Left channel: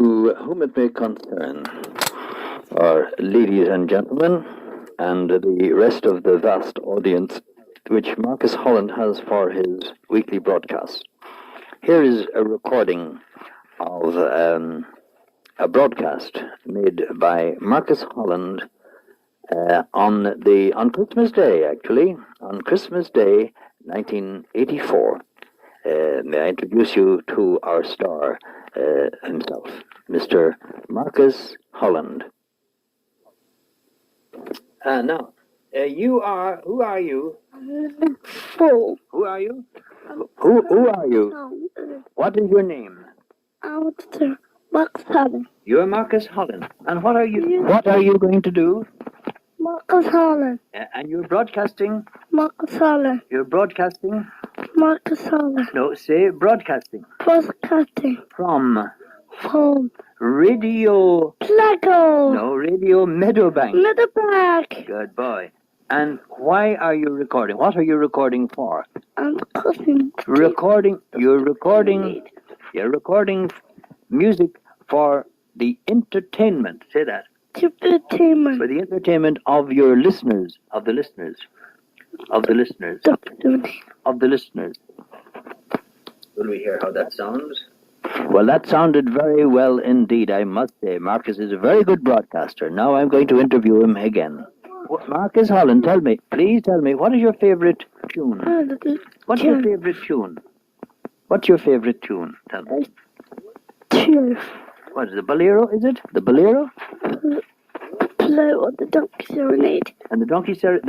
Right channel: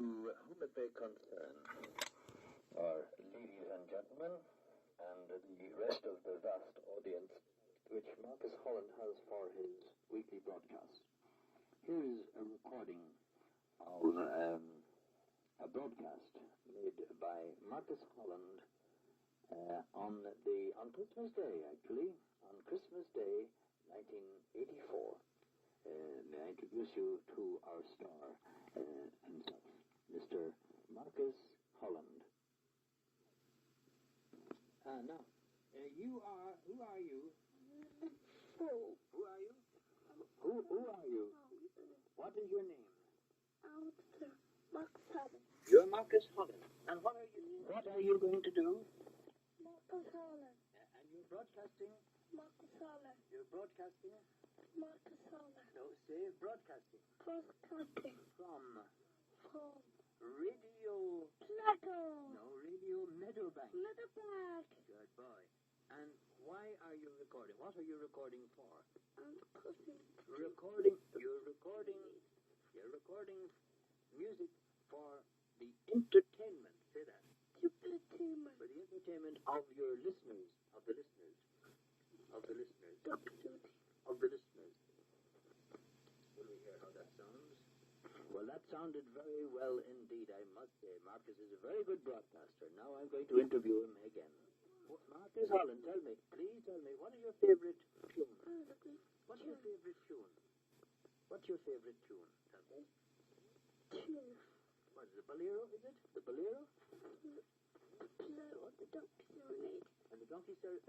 To whom it may concern, our ladies and gentlemen, and the rest of the vast audience which Marcus Holland has for his weekly broadcast. Here is a recording of a broadcast made by Marcus Holland on Christmas Day, actually, on Christmas Day, 1984. May I introduce you to our star himself, Mr. Marcus Holland. Now, who are you? Four. Who are you? Who are you? What is your name? Marcus Holland. You're Marcus Holland. And what are you going to do? Marcus Holland. And you're broadcasting? Marcus Holland. You're broadcasting? Marcus Holland. No, say broadcasting. Broadcasting. From Radio Lego. No, Radio Meadowbank. Meadowbank. Good boy. And why are you recording? What are you recording for? I'm recording. You're recording music for the entertainment. Say that. Entertainment. For the entertainment of your listeners. Of the listeners. Will we hear how that sounds? Well, that sounded very well indeed, I must say. Marcus is a very good broadcaster. Now I'm going to interview him again. Marcus Holland, please tell me, what is your favorite tune? What's your favorite tune? Tell me. What is the bolero, is it? The bolero? Bolero, the Donkey Serenade. And the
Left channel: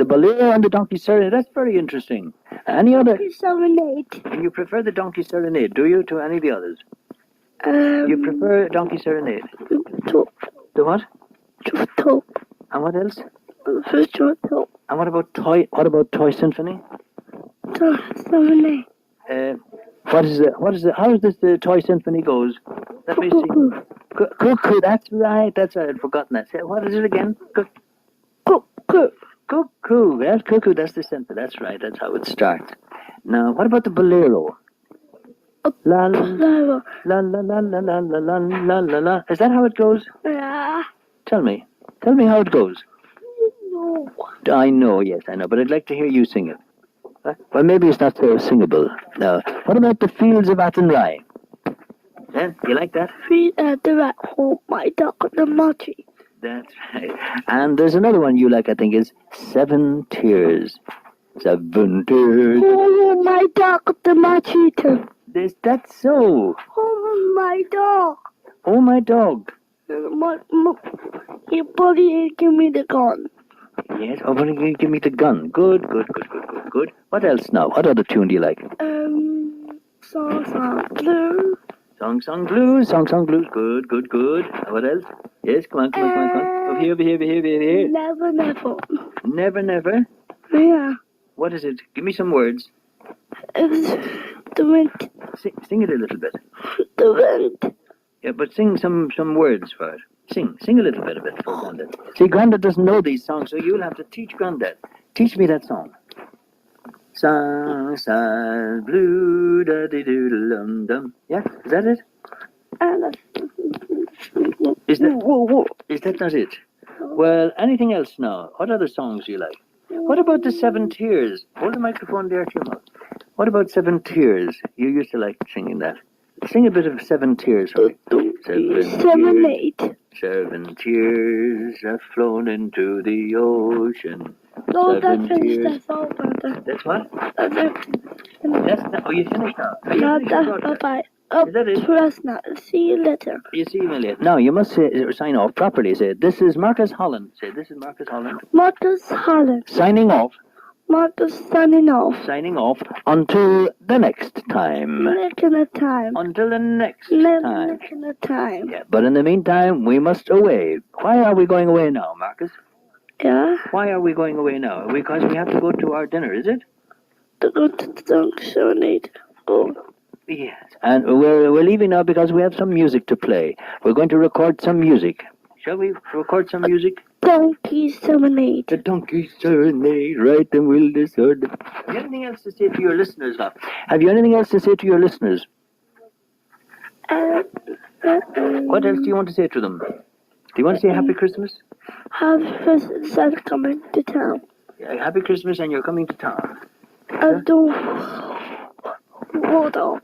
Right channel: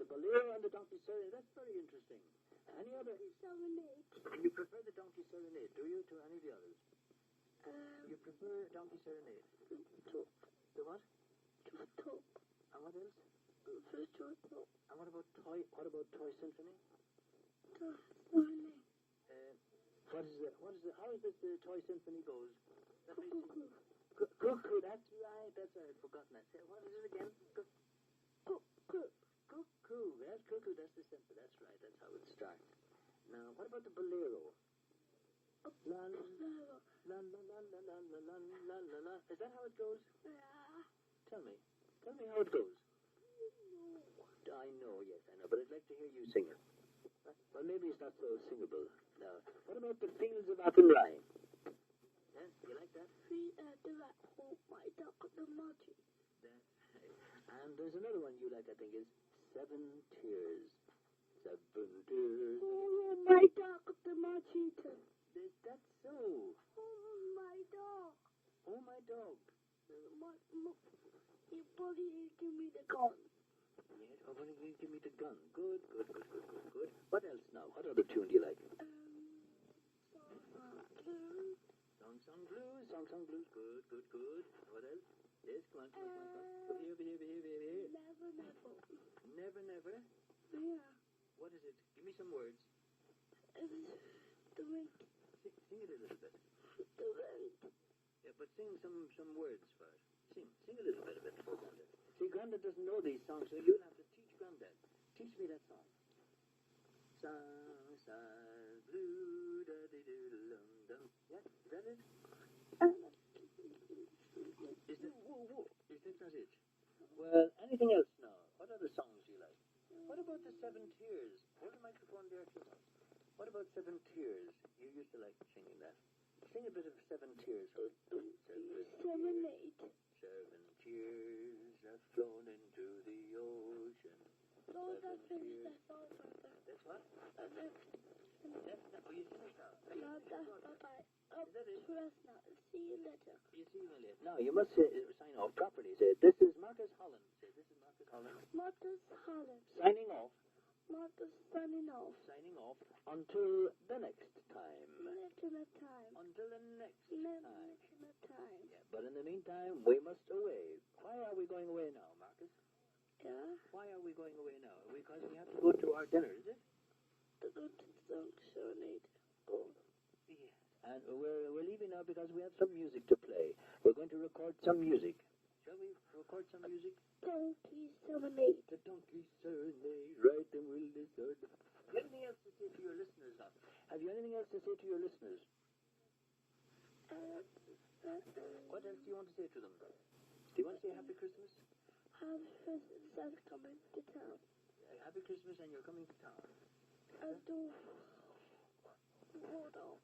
bolero and the Donkey Serenade, that's very interesting. Any other? Donkey Serenade. And you prefer the Donkey Serenade, do you, to any of the others? You prefer Donkey Serenade? The what? And what else? And what about Toy Symphony? Toy Symphony. How is this the Toy Symphony goes? Let me see. Cuckoo, that's right, I'd forgotten that. Say, what is it again? Cuckoo, yes, cuckoo, that's the symphony, that's right, that's how it starts. Now, what about the bolero? La la la la la la la la la la la la. Is that how it goes? Yeah. Tell me how it goes. No. I know, yes, I know, but I'd like to hear you sing it. Well, maybe it's not so singable. Now, what about the Fields of Athenry? You like that? Fields of Athenry, oh my dog, the Marty. That's right. And there's another one you like, I think, is Seven Tears. 7 tears. Oh my dog, the Marty. Is that so? Oh my dog. Oh my dog. Your buddy give me the gun. Yes, oh, but you give me the gun. Good. What else now? What other tune do you like? Song Blues. Song Blues. Good. What else? Yes, come on. Over here. Never. Yeah. What is it? Give me some words. It's the wind. Sing it a little bit. The wind. Yeah, but sing some words for it. Sing a little bit of it for Grandad. See, Grandad doesn't know these songs, so you'll have to teach Grandad. Teach me that song. Song, blue, da dee doo dum dum. Yeah, is that it? Is that not it? Well, anything else now? What other songs do you like? What about the Seven Tears? Hold the microphone there to your mouth. What about Seven Tears? You used to like singing that. Sing a bit of Seven Tears for me. 7 tears have flown into the ocean. No, Seven tears. That's all, brother. That's what? That's it. You finished now? No, that's bye. Is that it? Press now. See you later. You see me later. Now, you must sign off properly. Say, this is Marcus Holland. Say, this is Marcus Holland. Marcus Holland. Signing off. Marcus signing off. Signing off until the next time. Until the next time. Yeah, but in the meantime, we must away. Why are we going away now, Marcus? Yeah? Why are we going away now? Because we have to go to our dinner, is it? To go to the Donkey Serenade. Oh. Yes, and we're leaving now because we have some music to play. We're going to record some music. Shall we record some music? Donkey Serenade. The Donkey Serenade, right, and we'll decide. Have you anything else to say to your listeners now? Have you anything else to say to your listeners? What else do you want to say to them? Do you want to say Happy Christmas? Happy Christmas and coming to town. Happy Christmas and you're coming to town. And the Rudolph.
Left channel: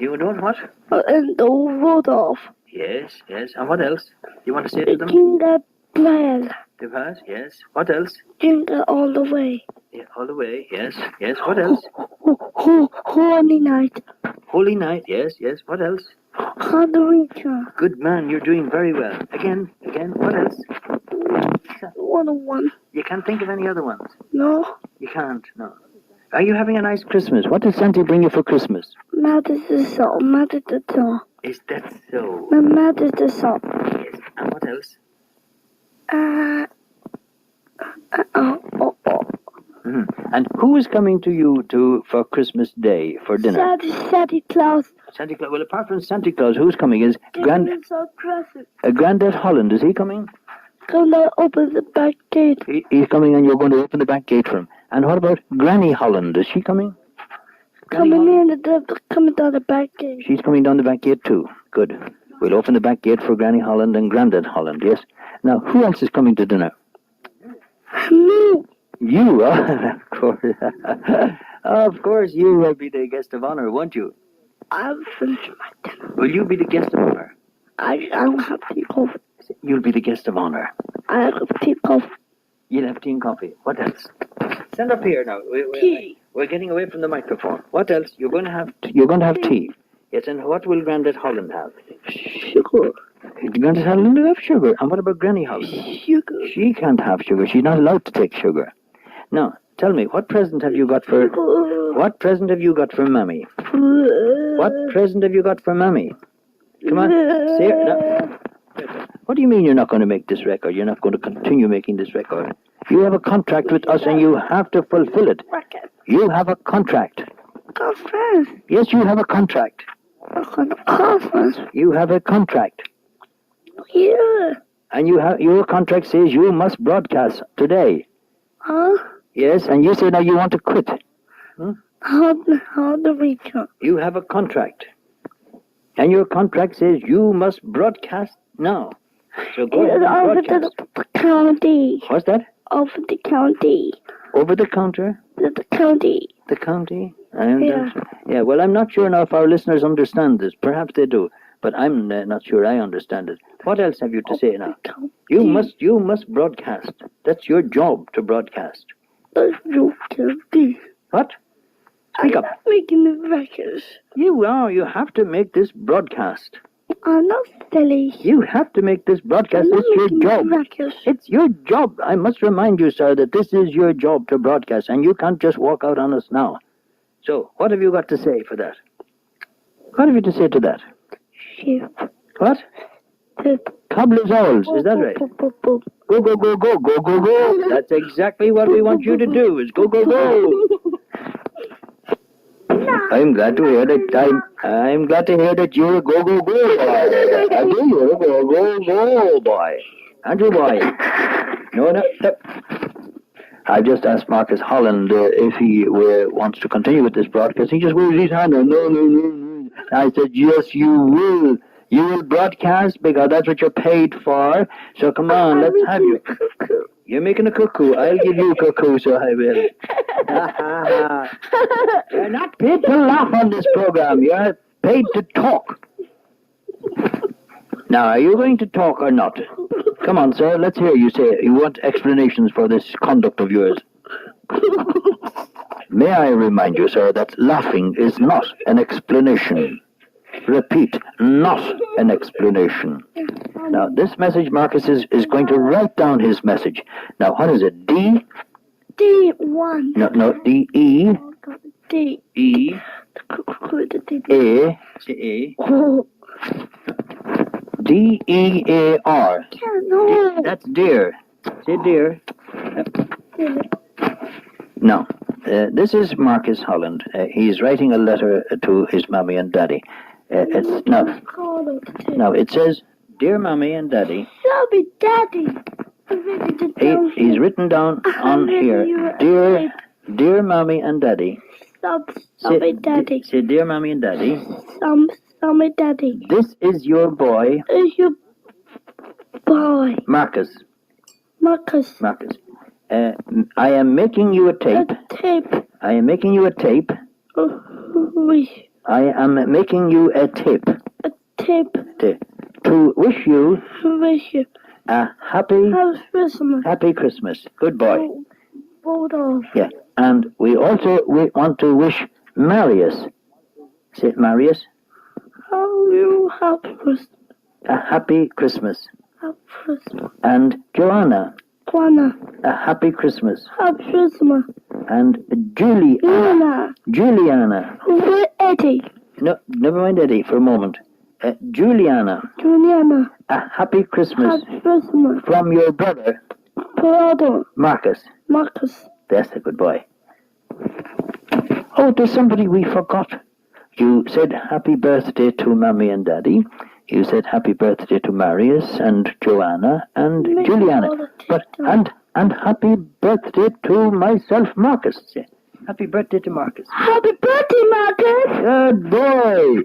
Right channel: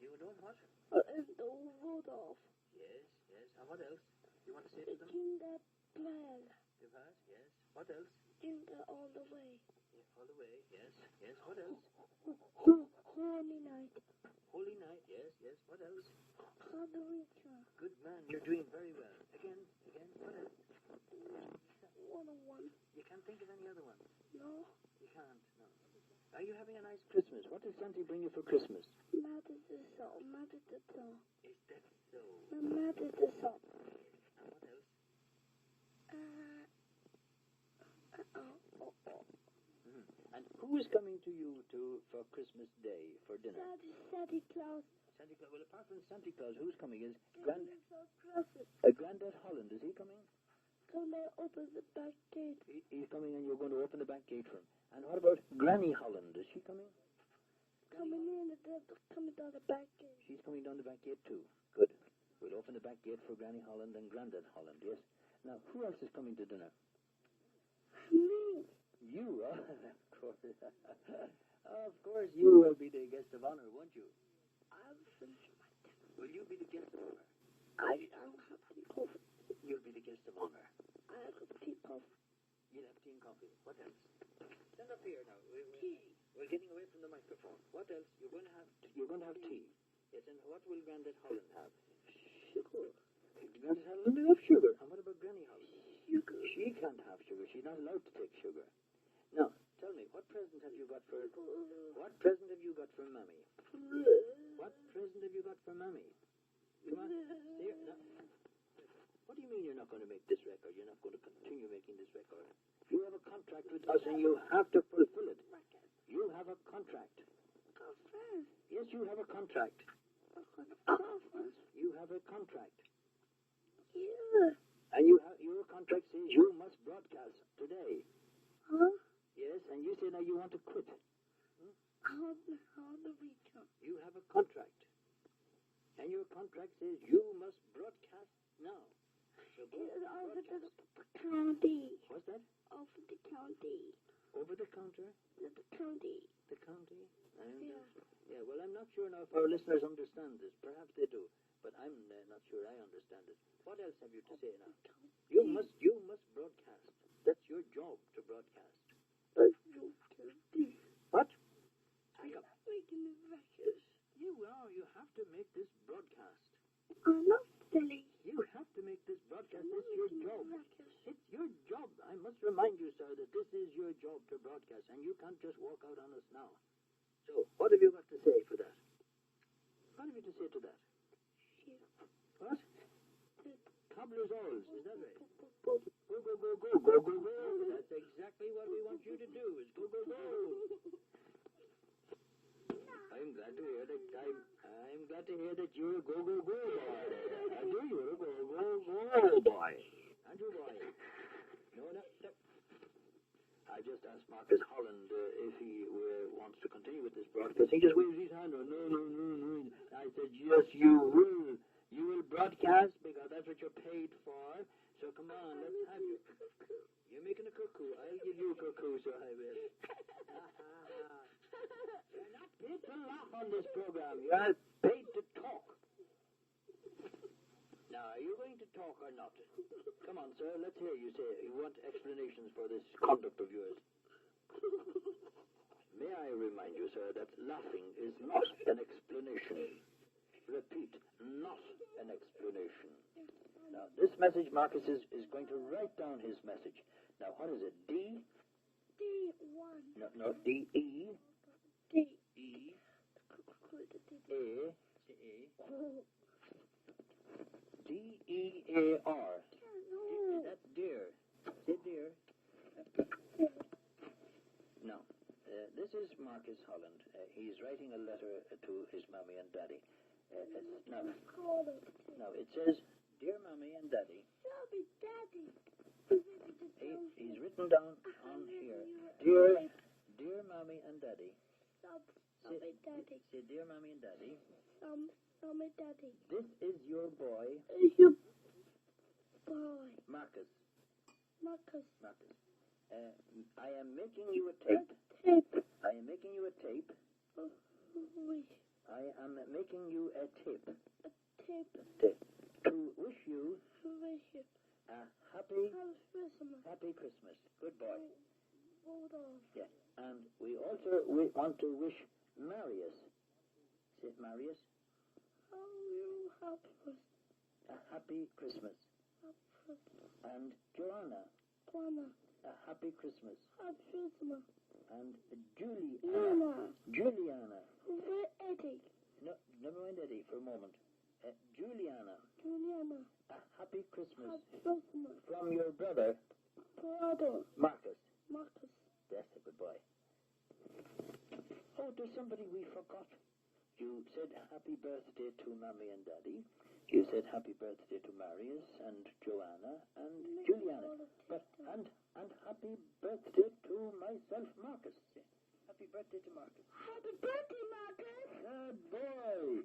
You don't what? And the Rudolph. Yes, yes. And what else? You want to say to them? Jingle bell. The what? Yes. What else? Jingle all the way. Yeah, all the way. Yes, yes. What else? Holy night. Holy night. Yes, yes. What else? Halloween. Good man. You're doing very well. Again. What else? 101. You can't think of any other ones. No. You can't. No. Are you having a nice Christmas? What did Santa bring you for Christmas? Mad is the salt. Mad is the salt. Is that so? Mad is the salt. Yes. And what else? Mm-hmm. And who is coming to you for Christmas Day for dinner? Santa Claus. Santa Claus. Well, apart from Santa Claus, who's coming? Is present. Grandad Holland? Is he coming? Come to open the back gate. He's coming, and you're going to open the back gate for him. And what about Granny Holland? Is she coming? Coming down the back gate. She's coming down the back gate too. Good. We'll open the back gate for Granny Holland and Grandad Holland. Yes. Now, who else is coming to dinner? Me. You, of course. Of course, you will be the guest of honor, won't you? I'll finish my dinner. Will you be the guest of honor? I'll have tea coffee. You'll be the guest of honor. I'll have tea coffee. You'll have tea and coffee. What else? Stand up here now. Tea. We're getting away from the microphone. What else? You're going to have tea. Yes, and what will Grandad Holland have? Sugar. Grandad Holland will have sugar. And what about Granny Holland? Sugar. She can't have sugar. She's not allowed to take sugar. Now, tell me, what present have you got for... What present have you got for Mammy? What present have you got for Mammy? Come on, say it. No. What do you mean you're not going to make this record? You're not going to continue making this record? You have a contract with us and you have to fulfill it. You have a contract. Conference. Yes, you have a contract. Conference. You have a contract. Yeah. And your contract says you must broadcast today. Huh? Yes, and you say now you want to quit. How do we go? You have a contract. And your contract says you must broadcast now. So go ahead and broadcast. Over the county. What's that? Over the county. Over the counter? The county. The county? Yeah. Yeah, well, I'm not sure now if our listeners understand this. Perhaps they do. But I'm not sure I understand it. What else have you to say now? You must broadcast. That's your job to broadcast. What? Speak up. I'm making the records. You are. You have to make this broadcast. I'm not silly. You have to make this broadcast. It's your job. It's your job. I must remind you, sir, that this is your job to broadcast, and you can't just walk out on us now. So, what have you got to say for that? What have you to say to that? Sheep. What? Cobbler's owls, is that right? Go, go, go, go, go, go, go, go. That's exactly what we want you to do, is go, go, go. I'm glad to hear that. I'm glad to hear that you're a go, go, go boy. I do, you're a go, go, go boy. Aren't you, boy? No. I just asked Marcus Holland if he wants to continue with this broadcast. He just waved his hand. No. I said, yes, you will. You will broadcast because that's what you're paid for. So come on, let's have you. You're making a cuckoo. I'll give you a cuckoo, so I will. You're not paid to laugh on this program. You're paid to talk. Now, are you going to talk or not? Come on, sir. Let's hear you say it. You want explanations for this conduct of yours. May I remind you, sir, that laughing is not an explanation. Repeat, not an explanation. Now, this message, Marcus is going to write down his message. Now, what is it? D? D1. No, D-E. D. E. A. Say A. D-E-A-R. No. That's dear. Say dear. No. This is Marcus Holland. He's writing a letter to his mommy and daddy. Now, it says, Dear Mommy and Daddy. Sorry, Daddy. He's written down on here, Dear Mommy and Daddy. Sorry, Daddy. Say, Dear Mommy and Daddy. Mommy, Daddy. This is your boy, Is your boy, Marcus. Marcus. Marcus. I am making you a tape. A tape. I am making you a tape. Wish. I am making you a tape. A tape. To wish you Wish you. a happy Christmas. Happy Christmas. Good boy. Hold on. Yeah. And we want to wish Marius. Say it, Marius. How you happy Christmas? A happy Christmas. Happy Christmas. And Joanna. Juana. A happy Christmas. Happy Christmas. And Juliana. Juliana. Where Eddie? No, never mind Eddie for a moment. Juliana. Juliana. A happy Christmas. Happy Christmas. From your brother, Marcus. Marcus. That's a good boy. Oh, there's somebody we forgot. You said happy birthday to Mommy and Daddy. You said happy birthday to Marius and Joanna and Juliana. But and happy birthday to myself, Marcus. Happy birthday to Marcus. Happy birthday, Marcus. Good boy.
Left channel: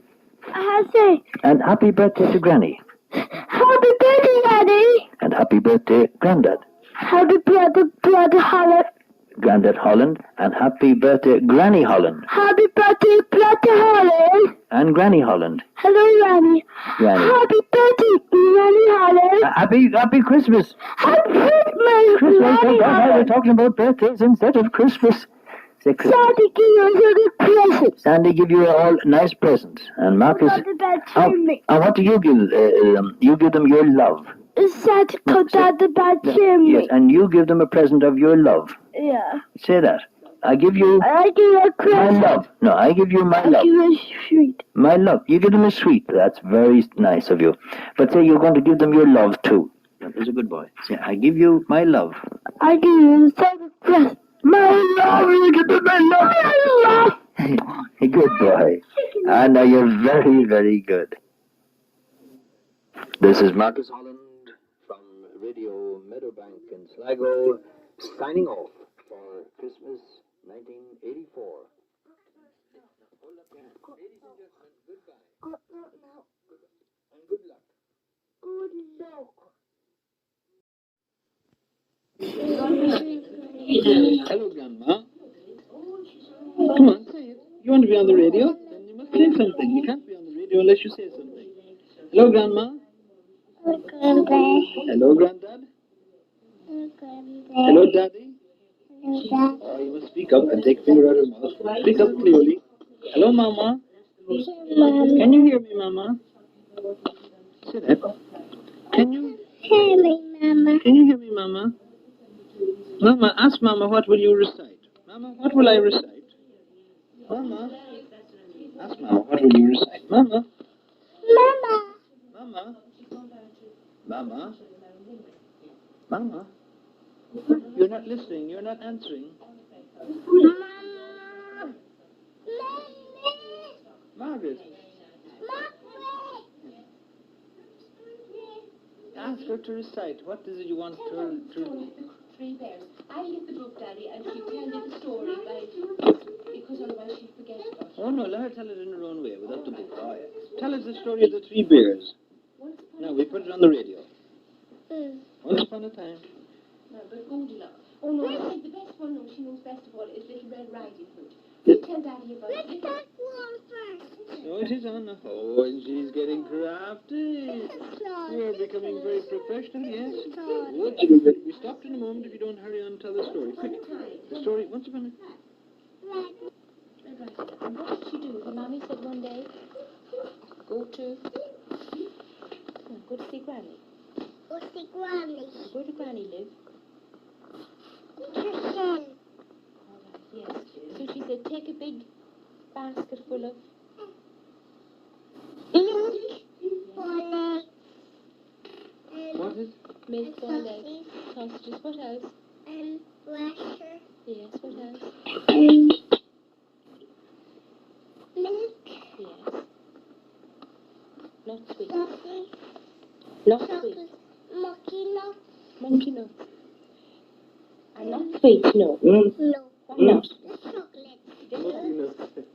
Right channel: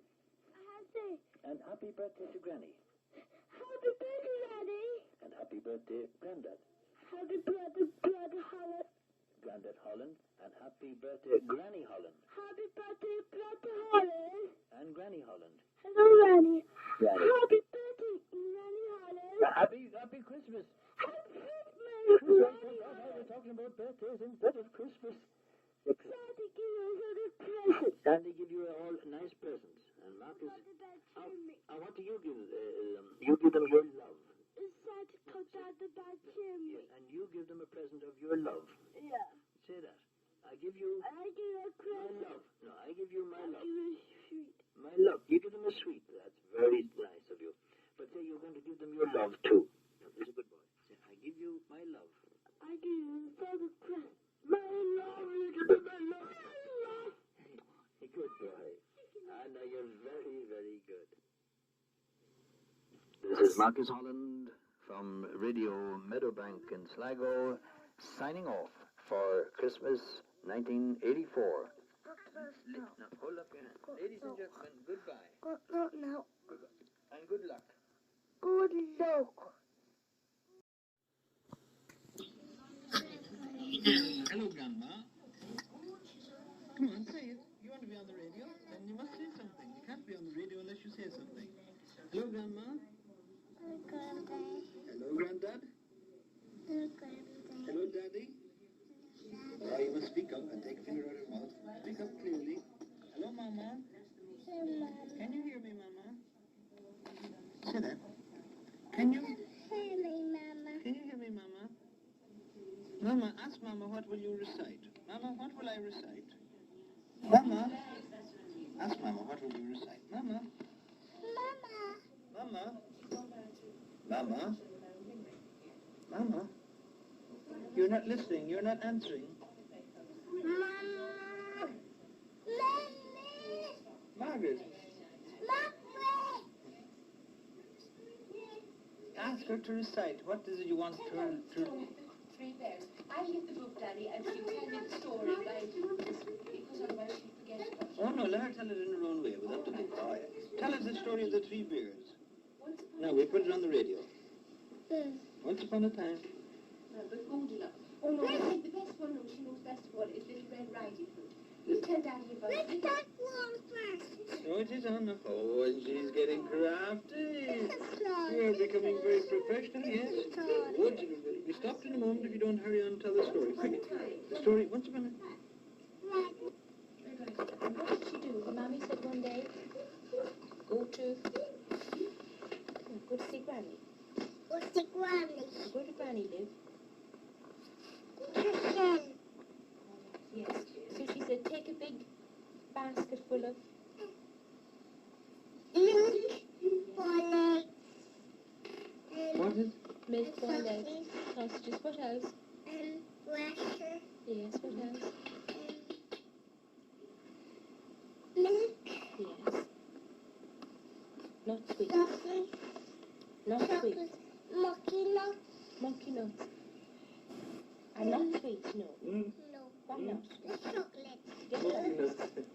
I say. And happy birthday to Granny. Happy birthday, Daddy. And happy birthday, Grandad. Happy birthday, Brother Holland. Grandad Holland. And happy birthday, Granny Holland. Happy birthday, Brother Holland. And Granny Holland. Hello, Granny. Granny. Happy birthday, Granny Holland. Happy Christmas. Happy Christmas, Christmas. Granny We're Holland. talking about birthdays instead of Christmas. Say Christmas. Santa give you a good present. Sandy give you all nice presents. And Marcus. Not the bad chimney. And what do you give? You give them your love. Santa cut out the bad chimney. Yes, and you give them a present of your love. Yeah. Say that. I give you I give you a my present. love. No, I give you my I love. give you a sweet. My love. You give them a sweet. That's very nice of you. But say you're going to give them your love too. That is a good boy. Say, I give you my love. I give you a Santa present. My love. You give them my love. My love. Good boy. I know you're very, very good. This is Marcus Holland from Radio Meadowbank in Sligo, signing off for Christmas 1984. Now, hold up your hand. Ladies and gentlemen, goodbye. No. And good luck. Good luck. Hello, Grandma. Come on, say it. You want to be on the radio? Then you must say something. You can't be on the radio unless you say something. Hello, Grandma. Granddad. Hello, Grandad. Hello, Daddy. Oh, you must speak up and take finger out of your mouth. Speak up clearly. Hello, Mama. Can you hear me, Mama? Say that. Can you? Hear me, Mama. Can you hear me, Mama? Mama, ask Mama, what will you recite? Mama, what will I recite? Mama, ask Mama, what will you recite? Mama, Mama. Mama, Mama, Mama. You're not listening. You're not answering. Margaret, ask her to recite. What is it you want her to... Three bears. I hit the book, Daddy, and she tell me the story, right? Because otherwise she'd forget about it. Oh, no, let her tell it in her own way, without the book. Oh, yeah. Tell us the story of the three bears. No, we put it on the radio. Once upon a time. No, but good enough. Oh, no, I think the best one, no, she knows best of all, is Little Red Riding Hood. Just tell Daddy about it. Oh, it is on. Oh, and she's getting crafty. You're becoming very professional, yes. Good. We'll be stopped in a moment if you don't hurry on and tell the story. Quick. The story, once upon a... Red Riding Hood. And what did she do? The mommy said one day, go to see Granny. What's the Granny? Where did Granny live? Yes. So she said, take a big basket full of What is... milk, boiled eggs, sausages. What else? And rasher. Yes, what else? And milk. Yes. Not sweet. Chocolate. Not sweet. Monkey nuts. Monkey nuts. And not sweet, no. No. Why not? Chocolate.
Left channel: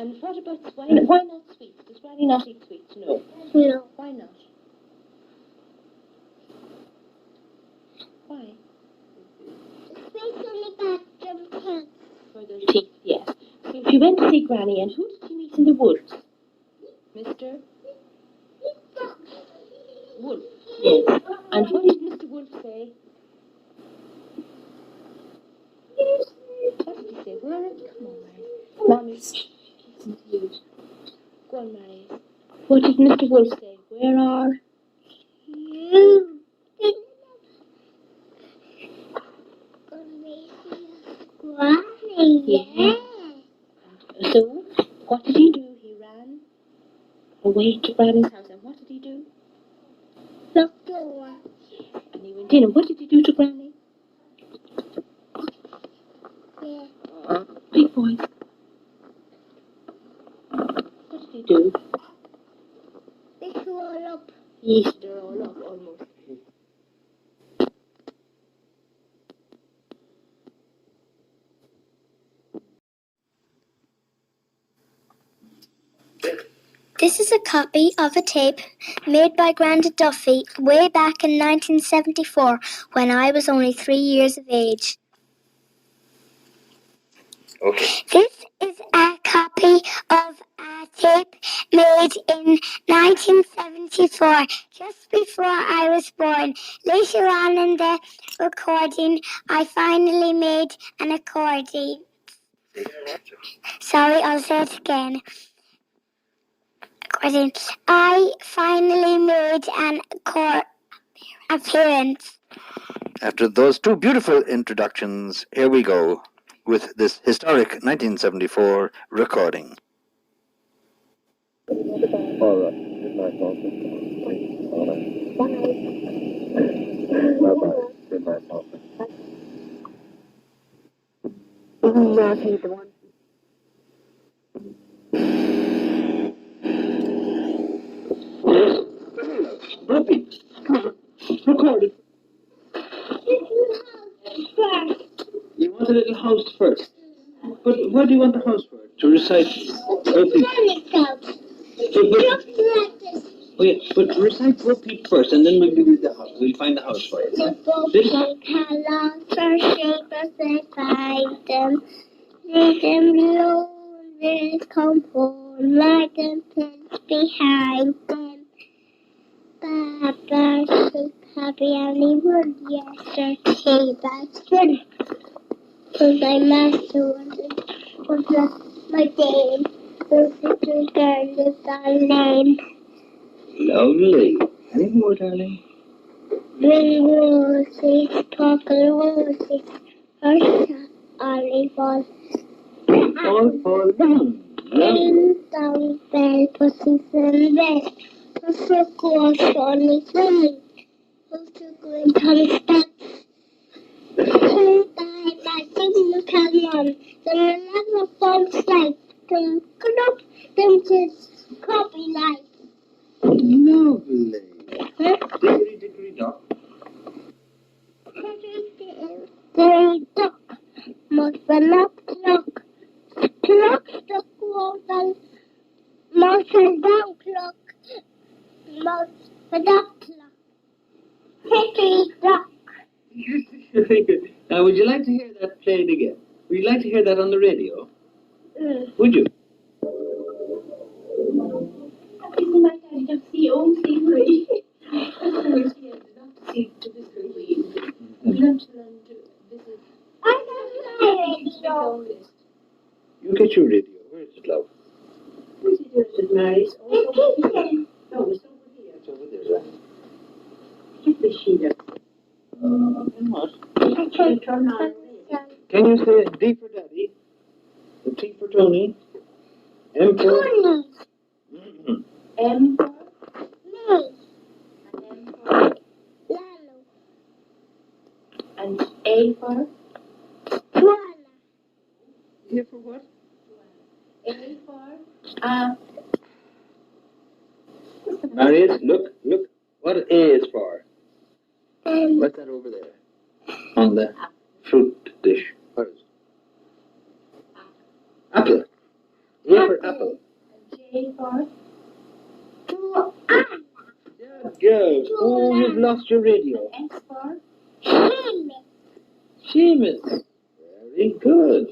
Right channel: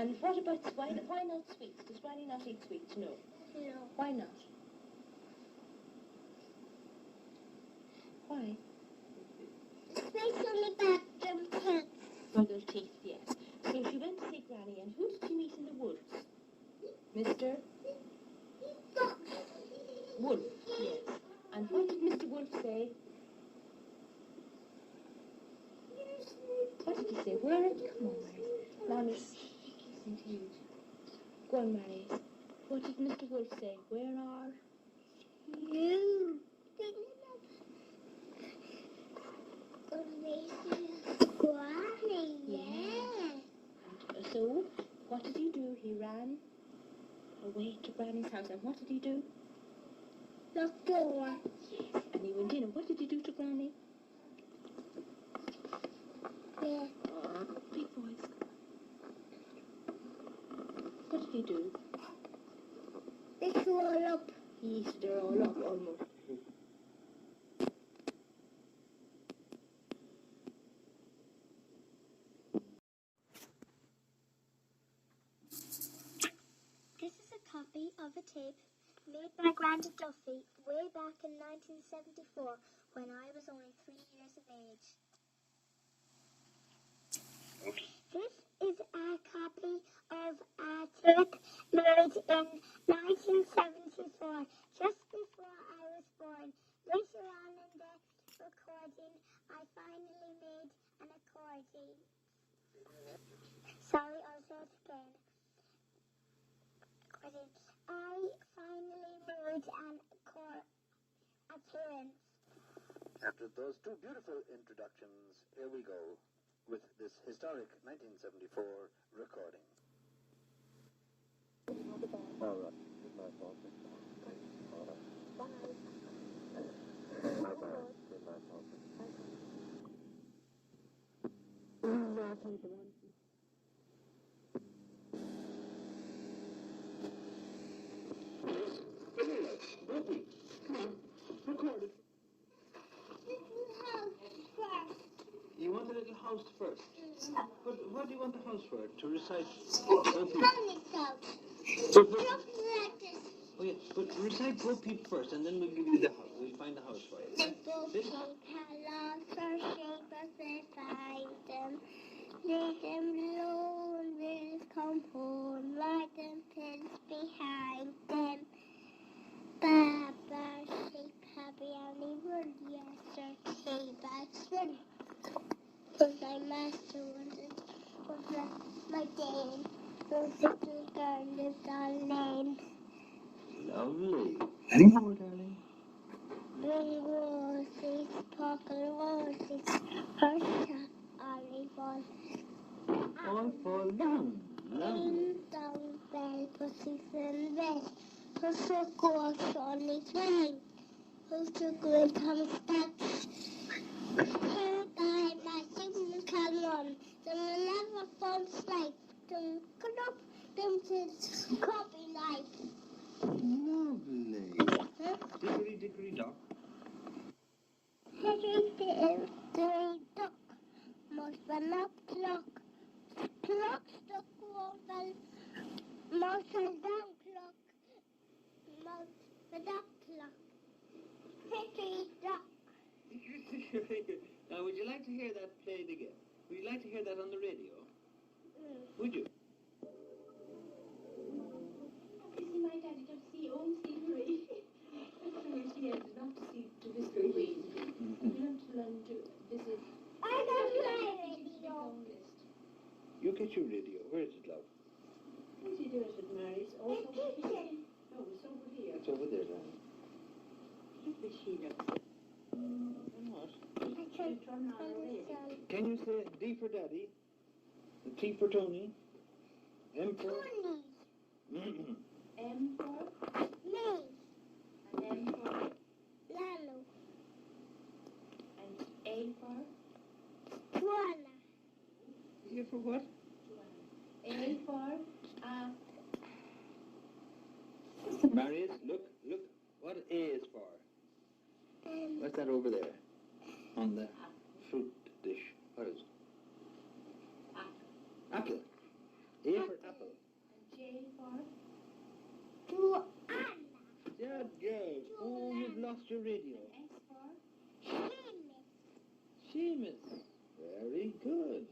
And what about swine? Why not sweets? Does Granny not eat sweets? No. No. Why not? Why? Especially about them kids. For those teeth, yes. So she went to see Granny, and who did she meet in the woods? Mr. Wolf. Yes. And what did Mr. Wolf say? What did he say? Where? Come on, Marius. Mommy, listen to you. Go on, Marius. What did Mr. Wolf say? Where are? You. Granny. Yeah. So, what did he do? He ran away to Granny's house. And what did he do? Look door. And he went in. And what did he do to Granny? Yeah. Big voice. What did he do? This all up. Yes, they're all up almost. This is a copy of a tape made by Grandad Duffy way back in 1974 when I was only 3 years of age. Okay. This is a copy of a tape made in 1974, just before I was born. Later on in the recording, I finally made an accordion. Sorry, I'll say it again. Accordion. I finally made an appearance. After those two beautiful introductions, here we go with this historic 1974 recording. All right. Good night, Walter. All right. Bye-bye. Good night, Walter. Repeat. Record it. You want a little house first. But what do you want the house for? To recite? Oh yeah, but recite repeat first, and then we'll give you the house. We'll find the house for you. The book colors are shaped as they find them. Let them blow and they come home like them pins behind them. Baba so happy and he would yesterday. That's good. Cause my master was my dame. The little girl is our name. Lovely. Any more, darling? Green roses, purple roses, hush, olive oil. All for them. Ding dong bell, pussy's in bed. Pussy goes on his way. Pussy goes on his steps. Pussy died by singing come on. Then another phone slide. Then up, then just copy life. Lovely. Dickory, dickory, dock. Dickory dock, must run up clock. Clock struck water, mouse and down clock. Mouse and up clock. Hickory dock. Very good. Now, would you like to hear that played again? Would you like to hear that on the radio? Would you? Isn't my daddy not see old theory? Not to see to history. We learn to visit. I got my radio. You get your radio. Where is it, love? What did you do, Mary's? The kitchen. No, it's over here. It's over there, right? Get the sheet up. What? I can't Turn on. Can you say D for Daddy? The T for Tony? M for... Tony. Mm-hmm. M for? Me. And M for? Lalo. And A for? Tuana. Here for what? A for? Marius, look. What A is for? What's that over there? On the fruit dish. What is it? Apple. A for apple. J for? Joanna. Good. Oh, you've lost your radio. S for? Seamus. Seamus. Very good.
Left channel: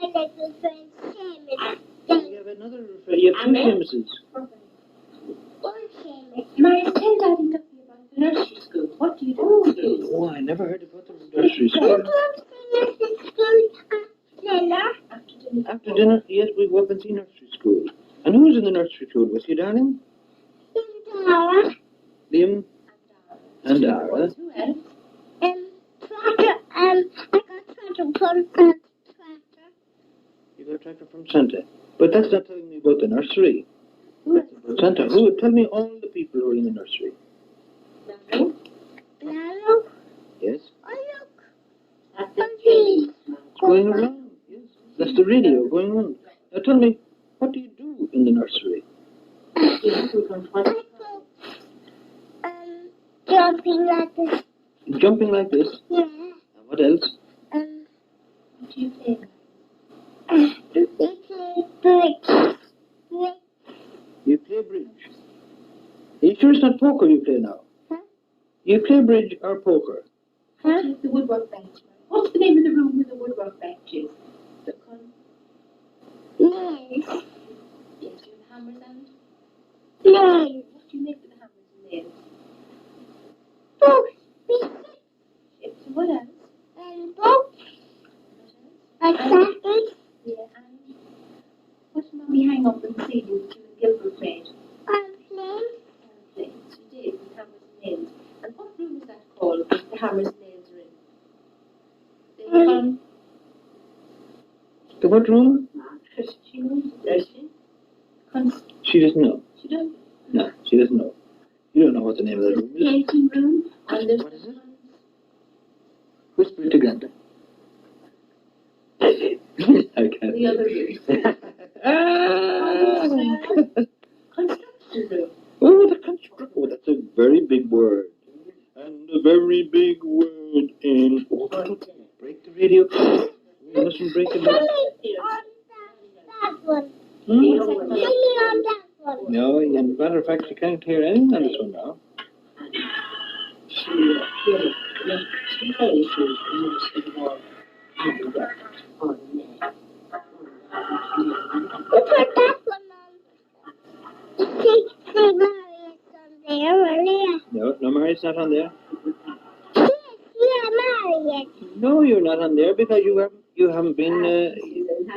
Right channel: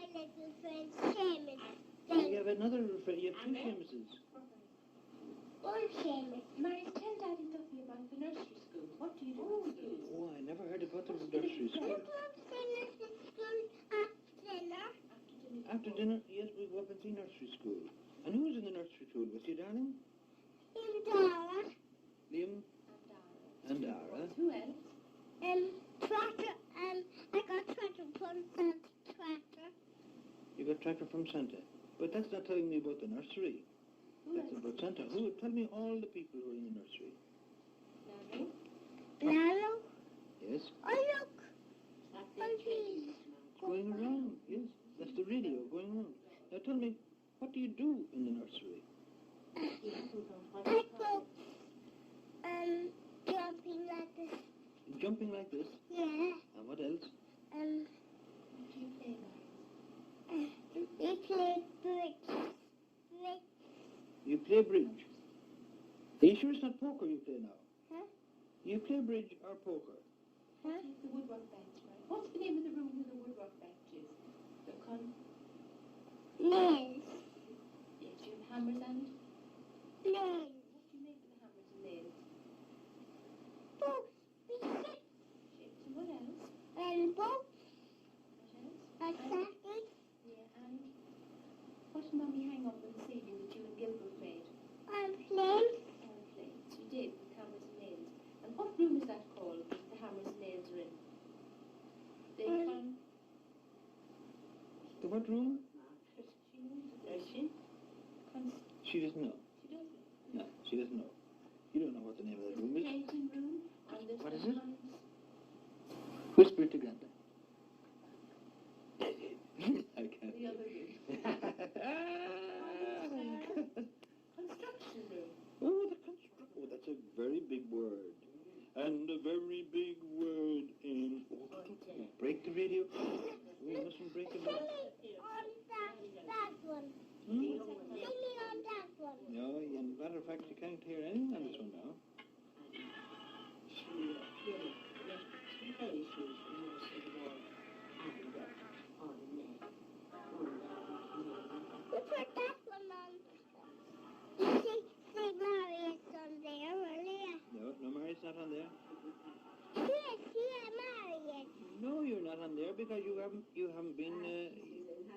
My little friend Seamus. You have another. You have two Seamuses. One Seamus. Marius, tell Daddy something about the nursery school. What do you do at school? Oh, I never heard about the nursery You school. go to the nursery school dinner. After dinner. After dinner, yes, we go up and see nursery school. And who's in the nursery school with you, darling? Dara. Liam and Dara. Who else? Tractor. I got tractor from tractor. You got a tractor from Santa. But that's not telling me about the nursery. Who else? About Santa. Who? Tell me all the people who are in the nursery. Nano? Lalo. Yes? Oh, look. That's Monkey. It's going around. Yes. That's the radio going on. Now tell me, what do you do in the nursery? I go jumping like this. Jumping like this. Yeah. And what else? What do you play? We play bridge. You play bridge. Are you sure it's not poker you play now? Huh? You play bridge or poker? Huh? The woodwork bench. What's the name of the room where the woodwork bench is? The Nails. Yes, you have hammers and? Nails. What do you make with the hammers and nails? Oh, Yes, what else? both. What else? Like that. Yeah, and what did Mommy hang up in the ceiling that you and Gilbert made? Plane. Plates. You did, with hammers and nails. And what room is that called that the hammers and nails are in? Um, The what room? She knows it, does she? She doesn't know. She doesn't. No, she doesn't know. You don't know what the name of the There's room the is. painting room, and there's What is it? Whisper it to Grandad. I can't. the other room. Ah! Construction room. Oh, the construction. Oh, that's a very big word. And a very big word in. Oh, don't break the radio. We mustn't break it. Tell me on that one. Hmm? Tell me on that one. No, as a matter of fact, you can't hear anything on this one now. You put that one on. See Marius on there earlier. No, Mary's not on there. Yes, Marius. No, you're not on there because you haven't been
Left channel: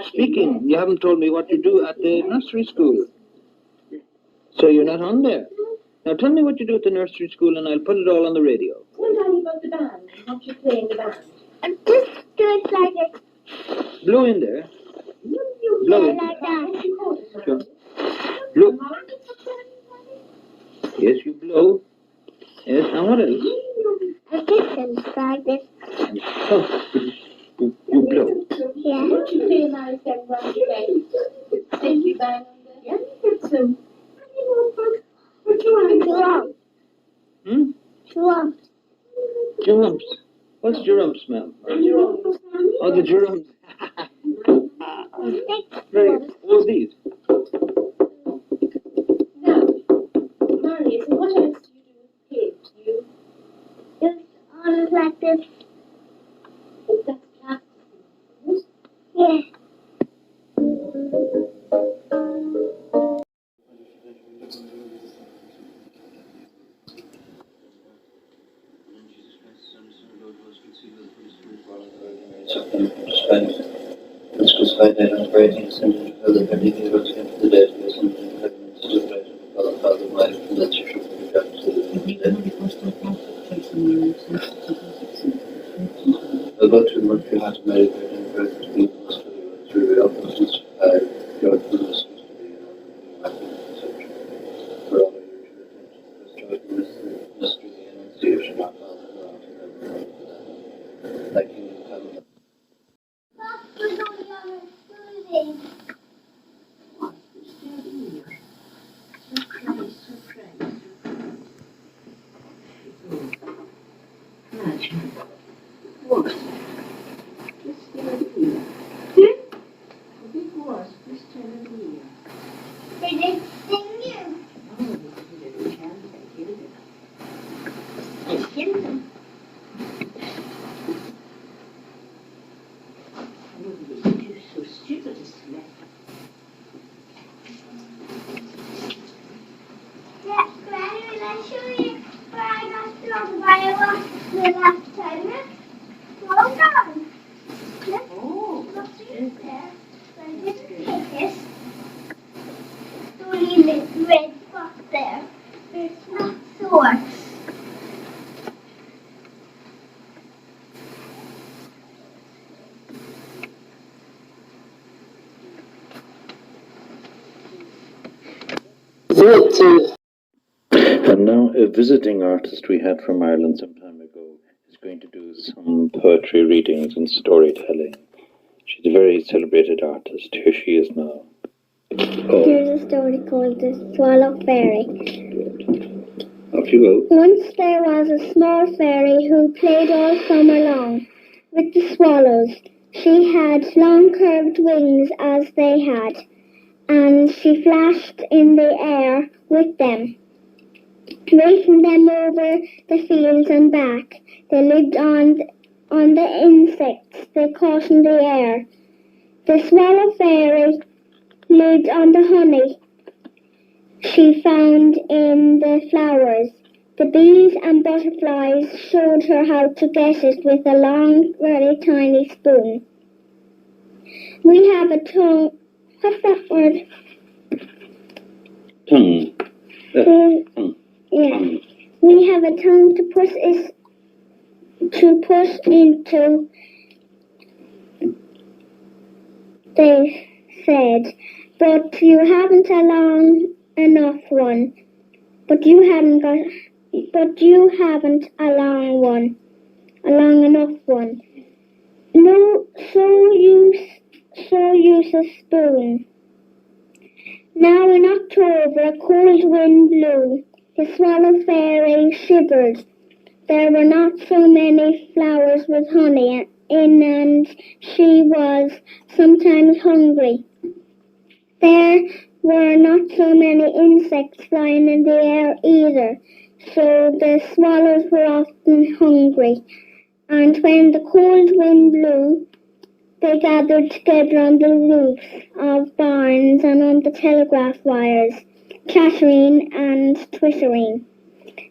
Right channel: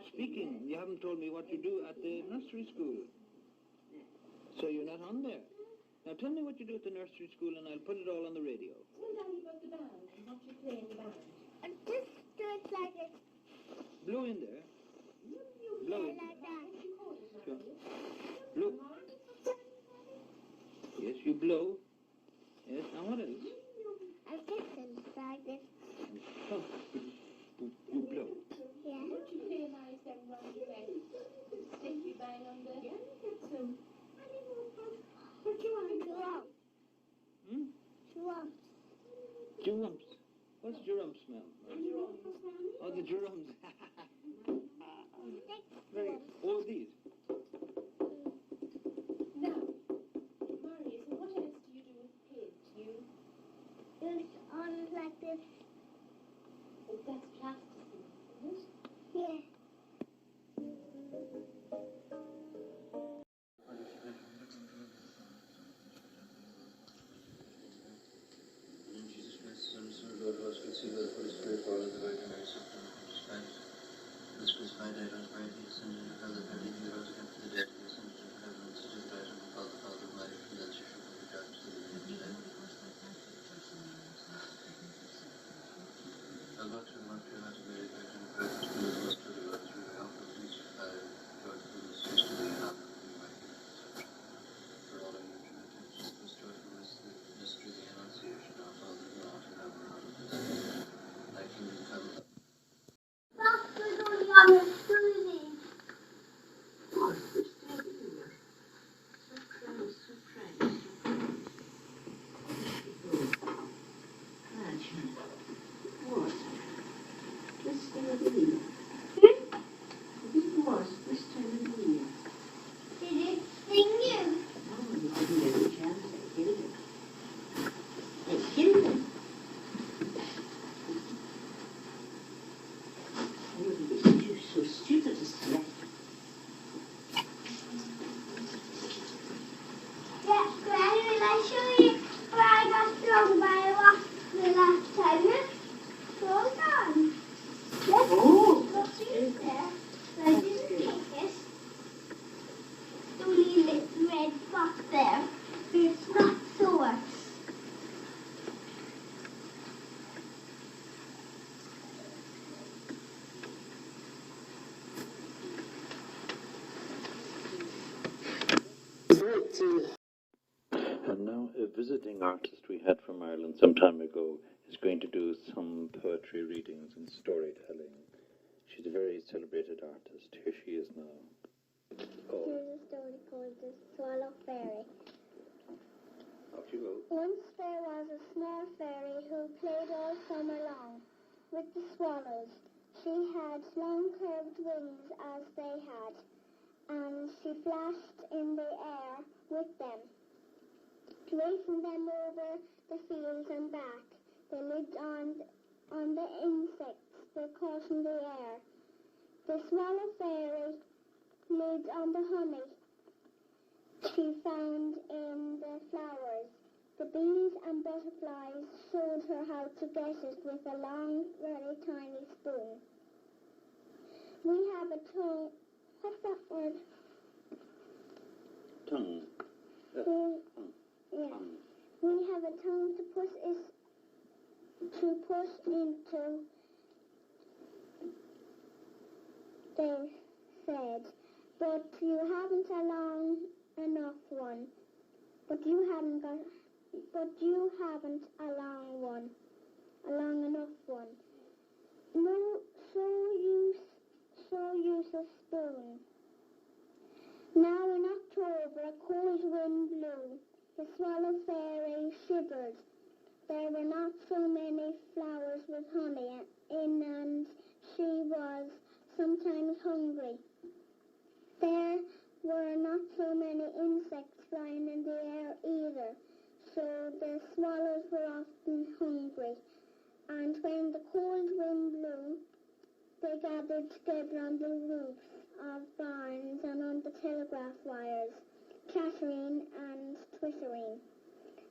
speaking. You haven't told me what you do at the nursery school. So you're not on there. Now tell me what you do at the nursery school and I'll put it all on the radio. Tell Daddy about the band and what you play in the band. And just do it like this. Blow in there. Yeah, Blow in. like that. What you call it, Sure. Marius? Blow. Yes, you blow. Yes, and what else? And this is like this. Oh, you blow. Yeah. What you play, Marius, everyone play? Safety bang on there? Yeah, get some. Drum. Hmm? Drum. Drums. What's drums, ma'am? Oh, the drums. Very good. Oh, these. Now, Marius, what else do you do with pigs? You, It's on like this. that's plastic, isn't it? Yeah. Which was Friday and writing something to the everything was into the dead was something to the right of the father wife and that you should be back to the about 2 months you had to marry the university through the offices God for the systems for all the usual mystery and enunciation of all the like in the time. We're going on a cruising. What? Just children. You're so stupid as to let Yeah, Granny, will I show you where I got stung by a wasp the last time? Hold on. Look, Oh, look in there. I didn't take it. Only the red spot there. It's not sore. And now a visiting artist we had from Ireland some time ago is going to do some poetry readings and storytelling. She's a very celebrated artist. Here she is now. Oh, Here's a story called The Swallow Fairy. off you go. Once there was a small fairy who played all summer long with the swallows. She had long curved wings as they had, and she flashed in the air with them, racing them over the fields and back. They lived on the insects they caught in the air. The swallow fairy lived on the honey she found in the flowers. The bees and butterflies showed her how to get it with a long, very tiny spoon. We have a tongue. What's that word? Tongue. Tongue. Yeah. We have a tongue to push into, they said, but you haven't a long enough one. But you haven't a long enough one. No, so use a spoon. Now in October, a cold wind blew. The swallow fairy shivered. There were not so many flowers with honey in, and she was sometimes hungry. There were not so many insects flying in the air either, so the swallows were often hungry. And when the cold wind blew, they gathered together on the roofs of barns and on the telegraph wires, chattering and twittering.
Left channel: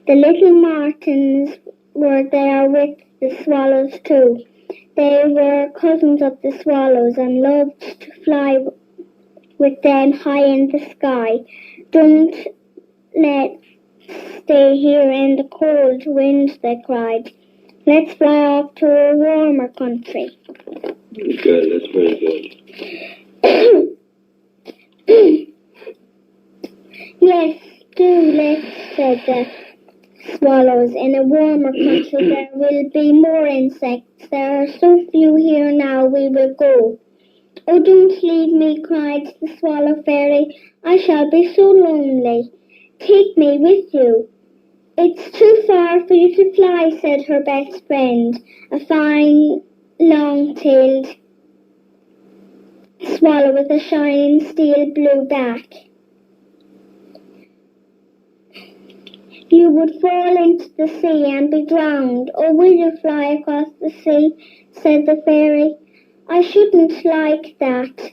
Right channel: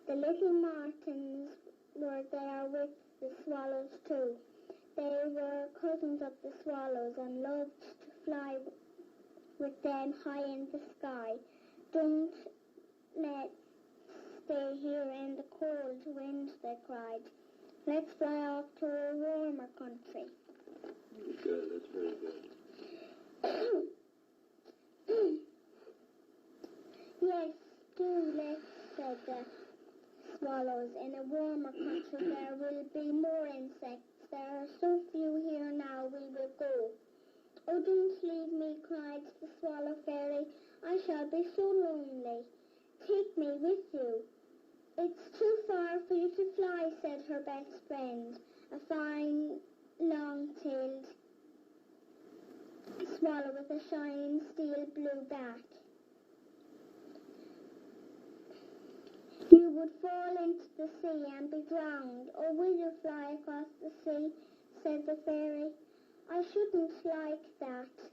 The little martins were there with the swallows too. They were cousins of the swallows and loved to fly with them high in the sky. Don't let's stay here in the cold wind, they cried. Let's fly off to a warmer country. Good, that's very good. Yes, do let's, said the swallows. In a warmer country there will be more insects. There are so few here now, we will go. Oh, don't leave me, cried the swallow fairy. I shall be so lonely. Take me with you. It's too far for you to fly, said her best friend, a fine, long-tailed swallow with a shining steel blue back. You would fall into the sea and be drowned. Or will you fly across the sea, said the fairy. I shouldn't like that.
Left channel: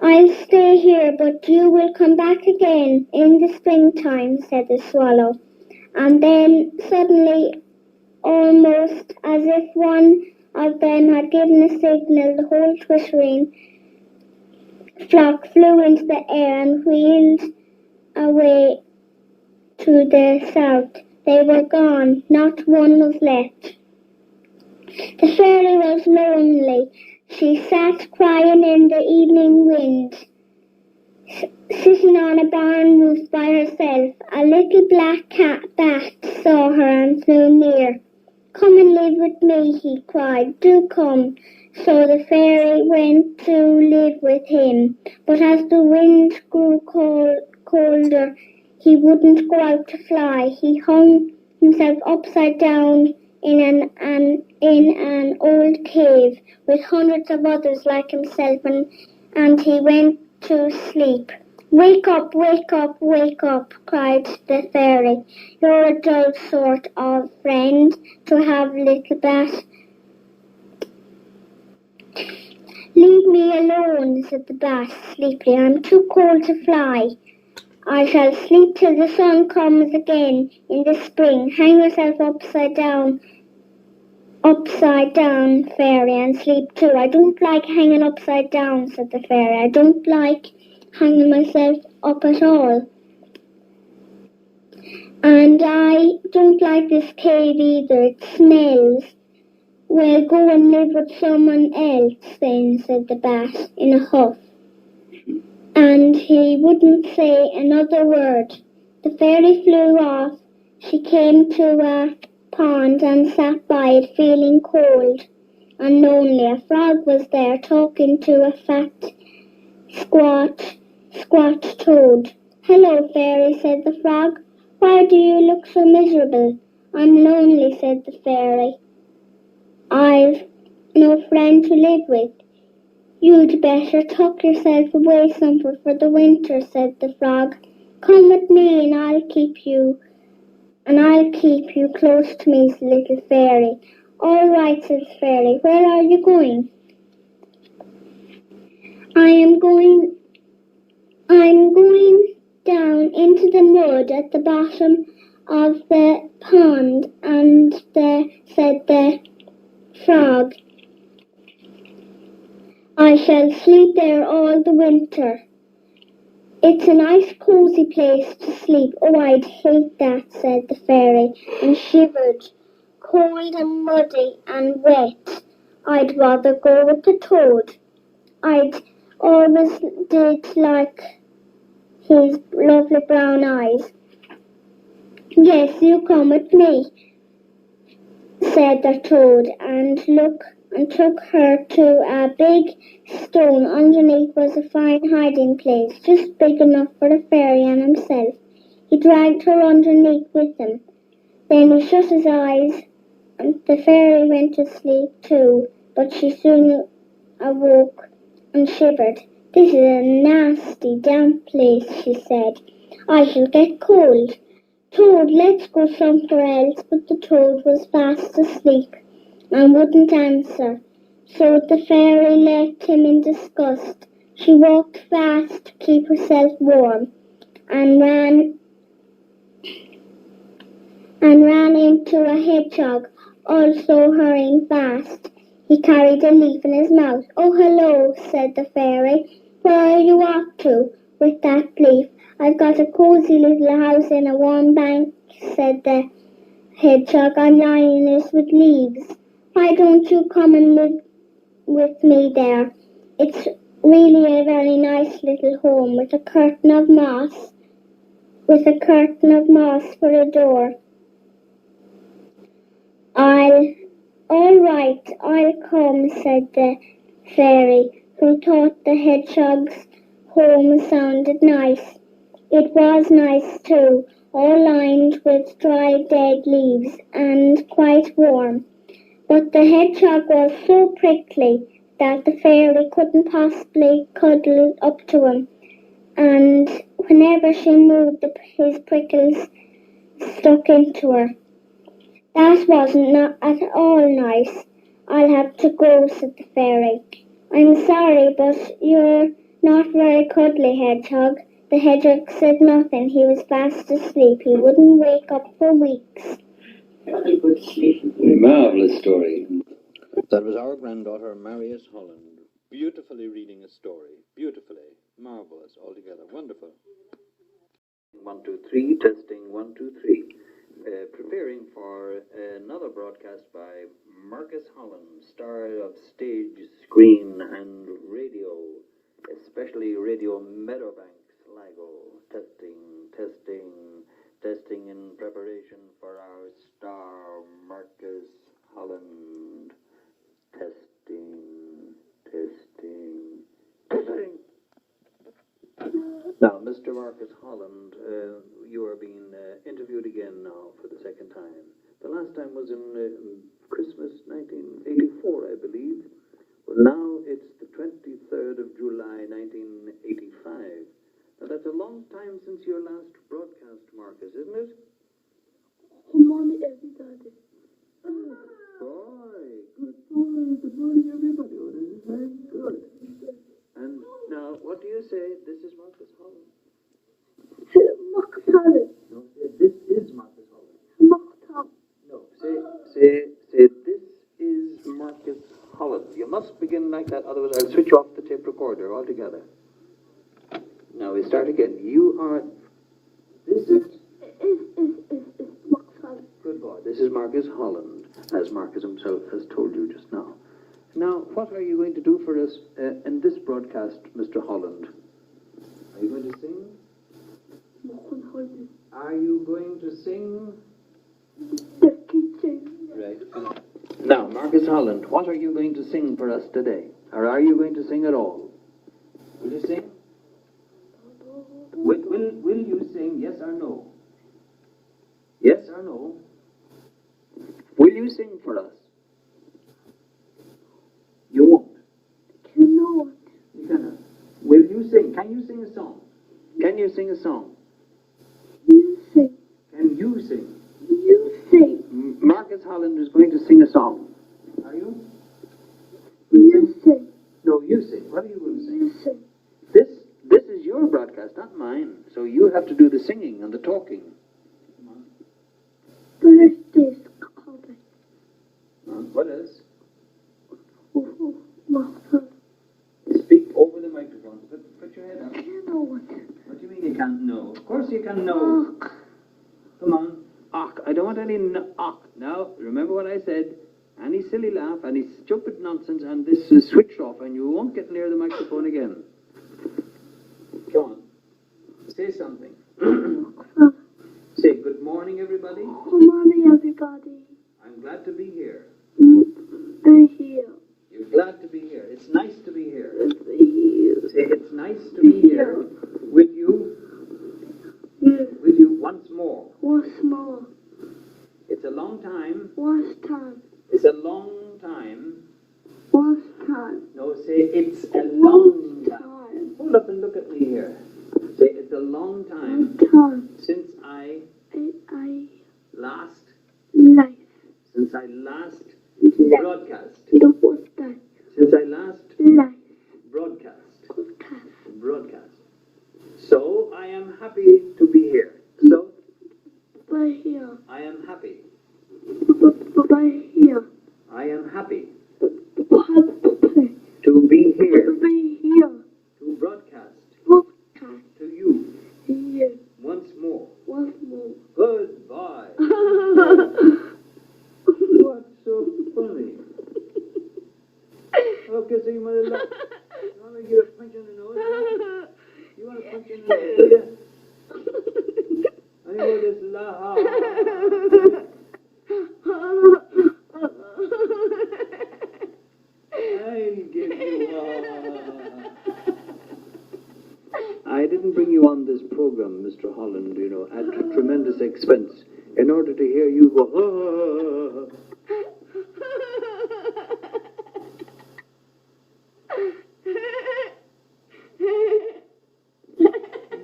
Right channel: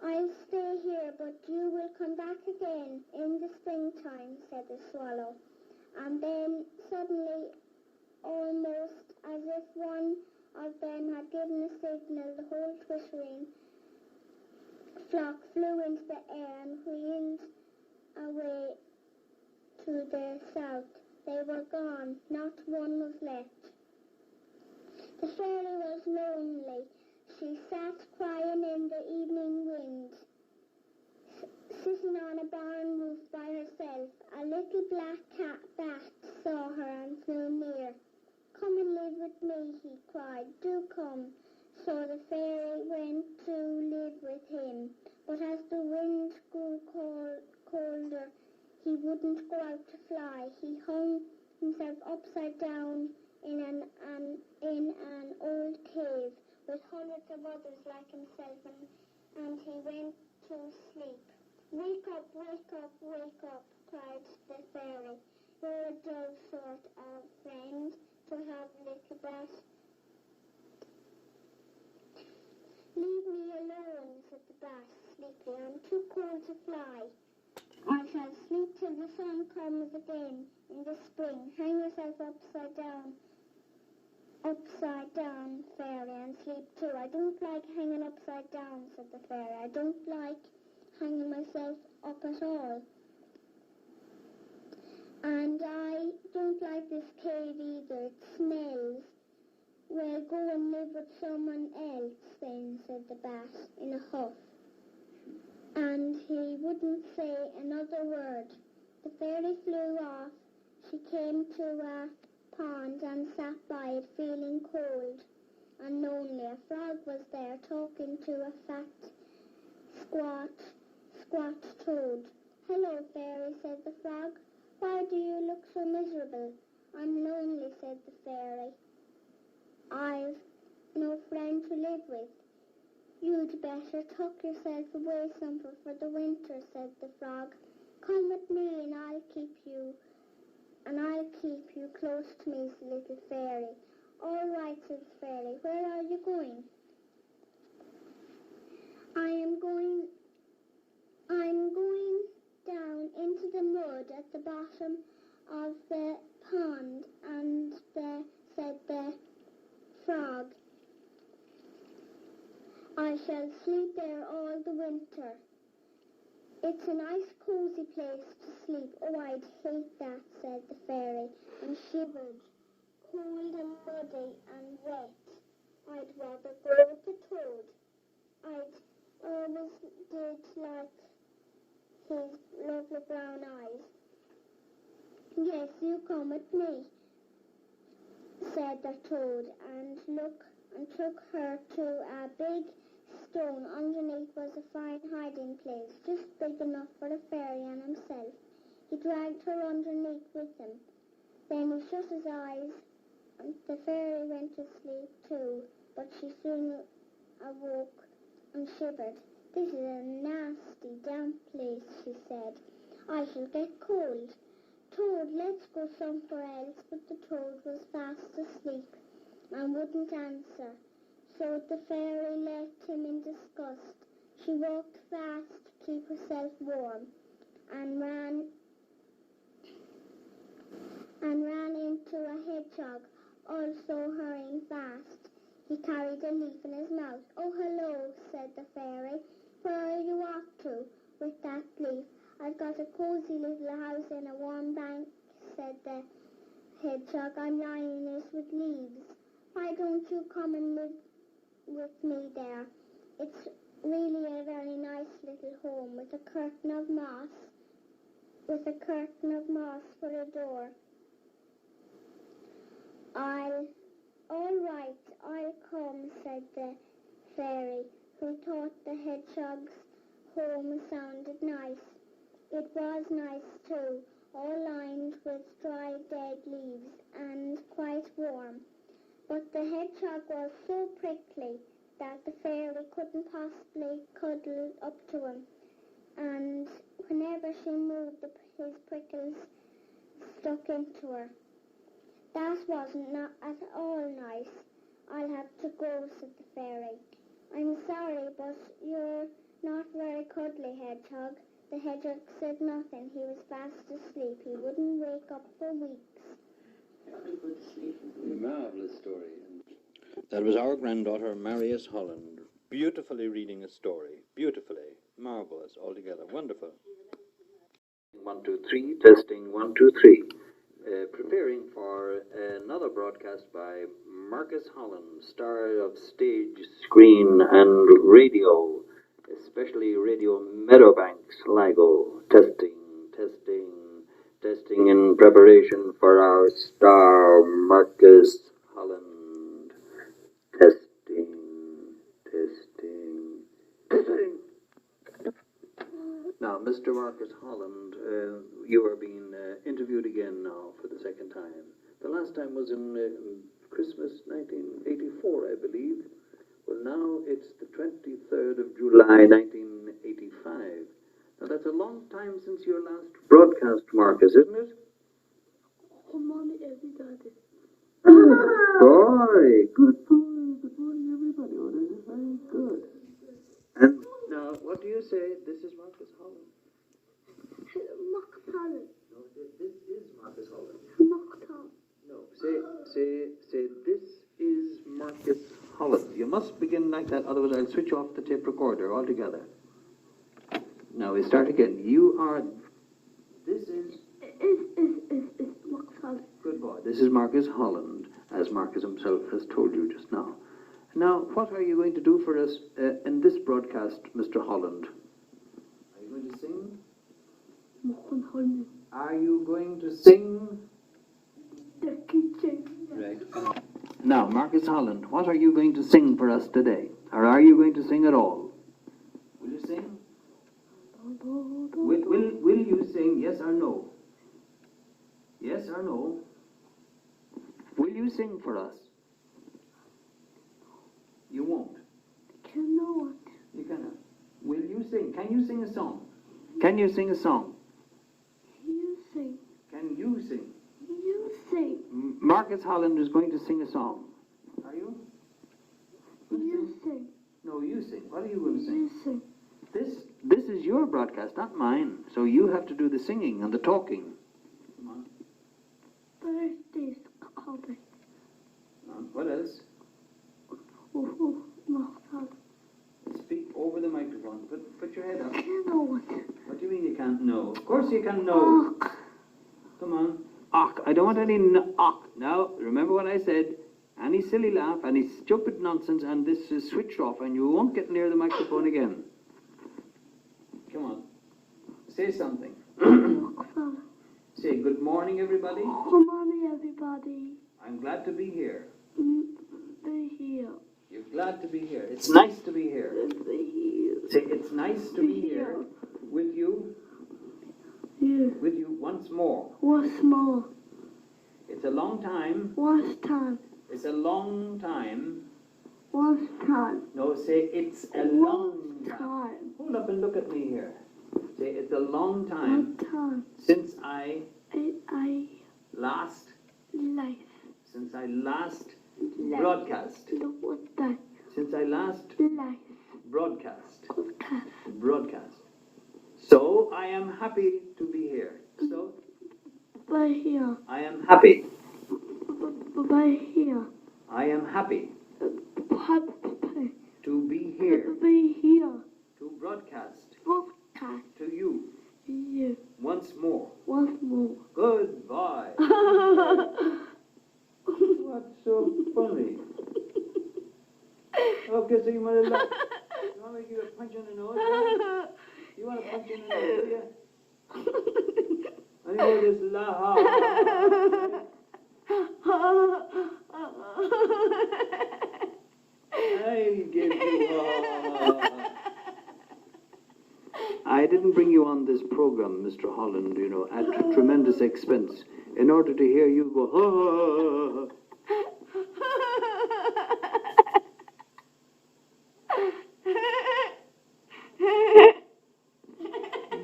I'll stay here, but you will come back again in the springtime, said the swallow. And then suddenly, almost as if one of them had given a signal, the whole twittering flock flew into the air and wheeled away to the south. They were gone, not one was left. The fairy was lonely. She sat crying in the evening wind, sitting on a barn roof by herself. A little black bat saw her and flew near. Come and live with me, he cried. Do come. So the fairy went to live with him. But as the wind grew colder, he wouldn't go out to fly. He hung himself upside down in an old cave with hundreds of others like himself, and he went to sleep. Wake up, wake up, wake up, cried the fairy. You're a dull sort of friend to have, little bat. Leave me alone, said the bat sleepily. I'm too cold to fly. I shall sleep till the sun comes again in the spring. Hang yourself upside down, fairy, and sleep too. I don't like hanging upside down, said the fairy. I don't like hanging myself up at all. And I don't like this cave either. It smells. Well, go and live with someone else then, said the bat in a huff. And he wouldn't say another word. The fairy flew off. She came to a pond and sat by it, feeling cold and lonely. A frog was there talking to a fat, squat toad. Hello, fairy, said the frog. Why do you look so miserable? I'm lonely, said the fairy. I've no friend to live with. You'd better tuck yourself away somewhere for the winter, said the frog. Come with me and I'll keep you close to me, little fairy. All right, said the fairy. Where are you going? I'm going down into the mud at the bottom of the pond, said the frog. I shall sleep there all the winter. It's a nice cosy place to sleep. Oh, I'd hate that, said the fairy, and shivered, cold and muddy and wet. I'd rather go with the toad. I'd always did like his lovely brown eyes. Yes, you come with me, said the toad, and took her to a big stone. Underneath was a fine hiding place, just big enough for the fairy and himself. He dragged her underneath with him. Then he shut his eyes, and the fairy went to sleep too, but she soon awoke and shivered. This is a nasty, damp place, she said. I shall get cold. Toad, let's go somewhere else, but the toad was fast asleep and wouldn't answer. So the fairy left him in disgust. She walked fast to keep herself warm and ran into a hedgehog, also hurrying fast. He carried a leaf in his mouth. Oh, hello, said the fairy. Where are you off to with that leaf? I've got a cosy little house in a warm bank, said the hedgehog. I'm lining it with leaves. Why don't you come and live with me there? It's really a very nice little home with a curtain of moss for a door. All right, I'll come, said the fairy, who thought the hedgehog's home sounded nice. It was nice too, all lined with dry dead leaves and quite warm. But the hedgehog was so prickly that the fairy couldn't possibly cuddle up to him, and whenever she moved, his prickles stuck into her. That wasn't at all nice. I'll have to go, said the fairy. I'm sorry, but you're not very cuddly, hedgehog. The hedgehog said nothing. He was fast asleep. He wouldn't wake up for weeks. Very good sleep. Marvellous story. That was our granddaughter, Marius Holland, beautifully reading a story. Beautifully. Marvellous altogether. Wonderful. 1, 2, 3. Testing 1, 2, 3. Preparing for another broadcast by Marcus Holland, star of stage, screen, and radio, especially Radio Meadowbank, Sligo. Testing in preparation for our star, Marcus Holland. Testing. Now, Mr. Marcus Holland, you are being interviewed again now for the second time. The last time was in Christmas 1984, I believe. Well, now it's the 23rd of July 1985. Now, that's a long time since your last broadcast, Marcus, isn't it? Good morning, everybody. Boy, good boy. Good morning, everybody. Oh, this is very good. And now, what do you say? This is Marcus Holland. Marcus Holland. No, this is Marcus Holland. Marcus Holland. No, say, this is Marcus Holland. You must begin like that, otherwise I'll switch off the tape recorder altogether. Now we start again. You are. This is. Is Marcus Holland. Good boy. This is Marcus Holland, as Marcus himself has told you just now. Now, what are you going to do for us in this broadcast, Mr. Holland? Are you going to sing? Marcus Holland. Are you going to sing? The kitchen. Right. Now, Marcus Holland, what are you going to sing for us today? Or are you going to sing at all? Will you sing? Will you sing, yes or no? Yes or no? Will you sing for us? You won't. Cannot. You cannot. Will you sing? Can you sing a song? Can you sing a song? You sing. Can you sing? You sing. Marcus Holland is going to sing a song. Are you? You sing. No, you sing. What are you going to sing? You sing. This is your broadcast, not mine. So you have to do the singing and the talking. Come on. Birthdays calling. What else? Oh, Marcus Holland. Speak over the microphone. Put your head up. Cannot. What do you mean you can't know? Of course you can know. Come on. Och. I don't want any och. Now, remember what I said. Any silly laugh, any stupid nonsense, and this is switched off, and you won't get near the microphone again. Come on. Say something. Say good morning, everybody. Good morning, everybody. I'm glad to be here. Be here. You're glad to be here. It's nice to be here. Be here. Say it's nice to be here with you. With you once more. Once more. It's a long time. Once time. It's a long time. Once time. No, say it's a long time. Time. Hold up and look at me here. Say it's a long time One time. since I I last, life. since I last broadcast. The what's that? Since I last Life. broadcast. Podcast. Broadcast. So I am happy to be here. So By here. I am happy. By here. I am happy Happy to be here be here. to broadcast Podcast. to you Here. once more. Once more. Goodbye. What's so funny? Okay, so you want to laugh. You want me to give a punch on the nose? Huh? You want a punch in the nose, do you? And you just laugh. I give you I didn't bring you on this program, Mr. Holland, at tremendous expense, in order to hear you go,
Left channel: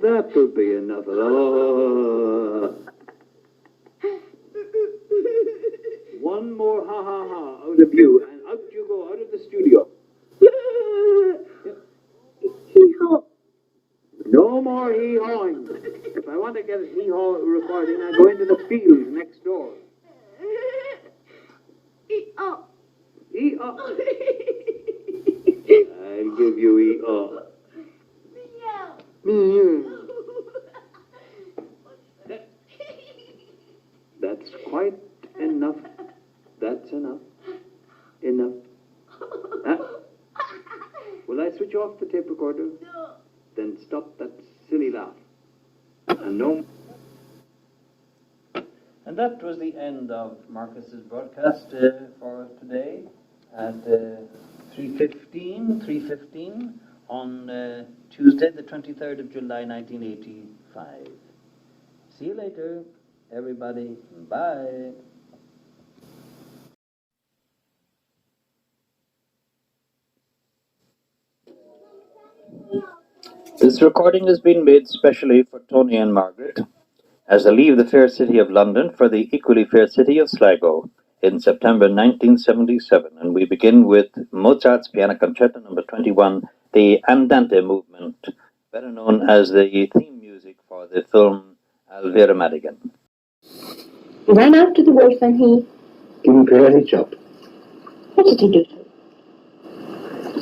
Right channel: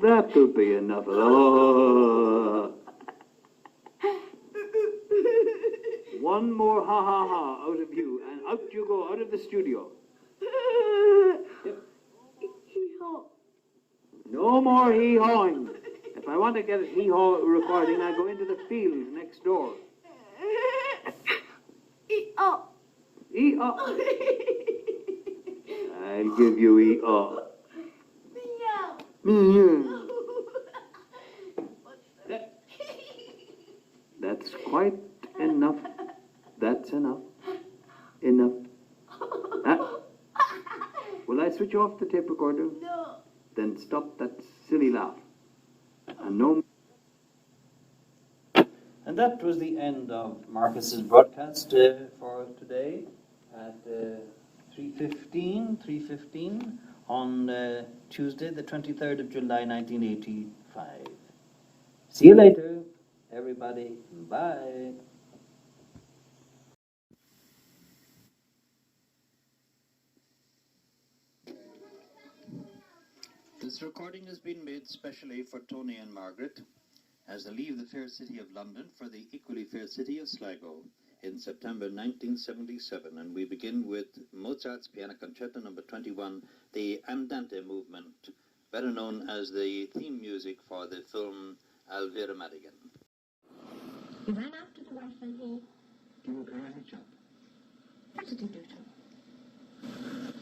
That'll be enough. One more ha ha ha out of you, and out you go, out of the studio. Yep. Hee-haw. No more hee-hawing. If I want to get a hee-haw recording, I go into the field next door. Hee-haw. Hee-haw. I'll give you hee-haw. That's quite enough. That's enough. Enough. Huh? Will I switch off the tape recorder? No. Then stop that silly laugh. And no. And that was the end of Marcus's broadcast for today at 3:15 on Tuesday, the 23rd of July, 1985. See you later, everybody. Bye. This recording has been made specially for Tony and Margaret as they leave the fair city of London for the equally fair city of Sligo in September 1977. And we begin with Mozart's Piano Concerto No. 21, the Andante movement, better known as the theme music for the film Elvira Madigan. He ran after the wolf and he... Give him karate chop. What did he do to him?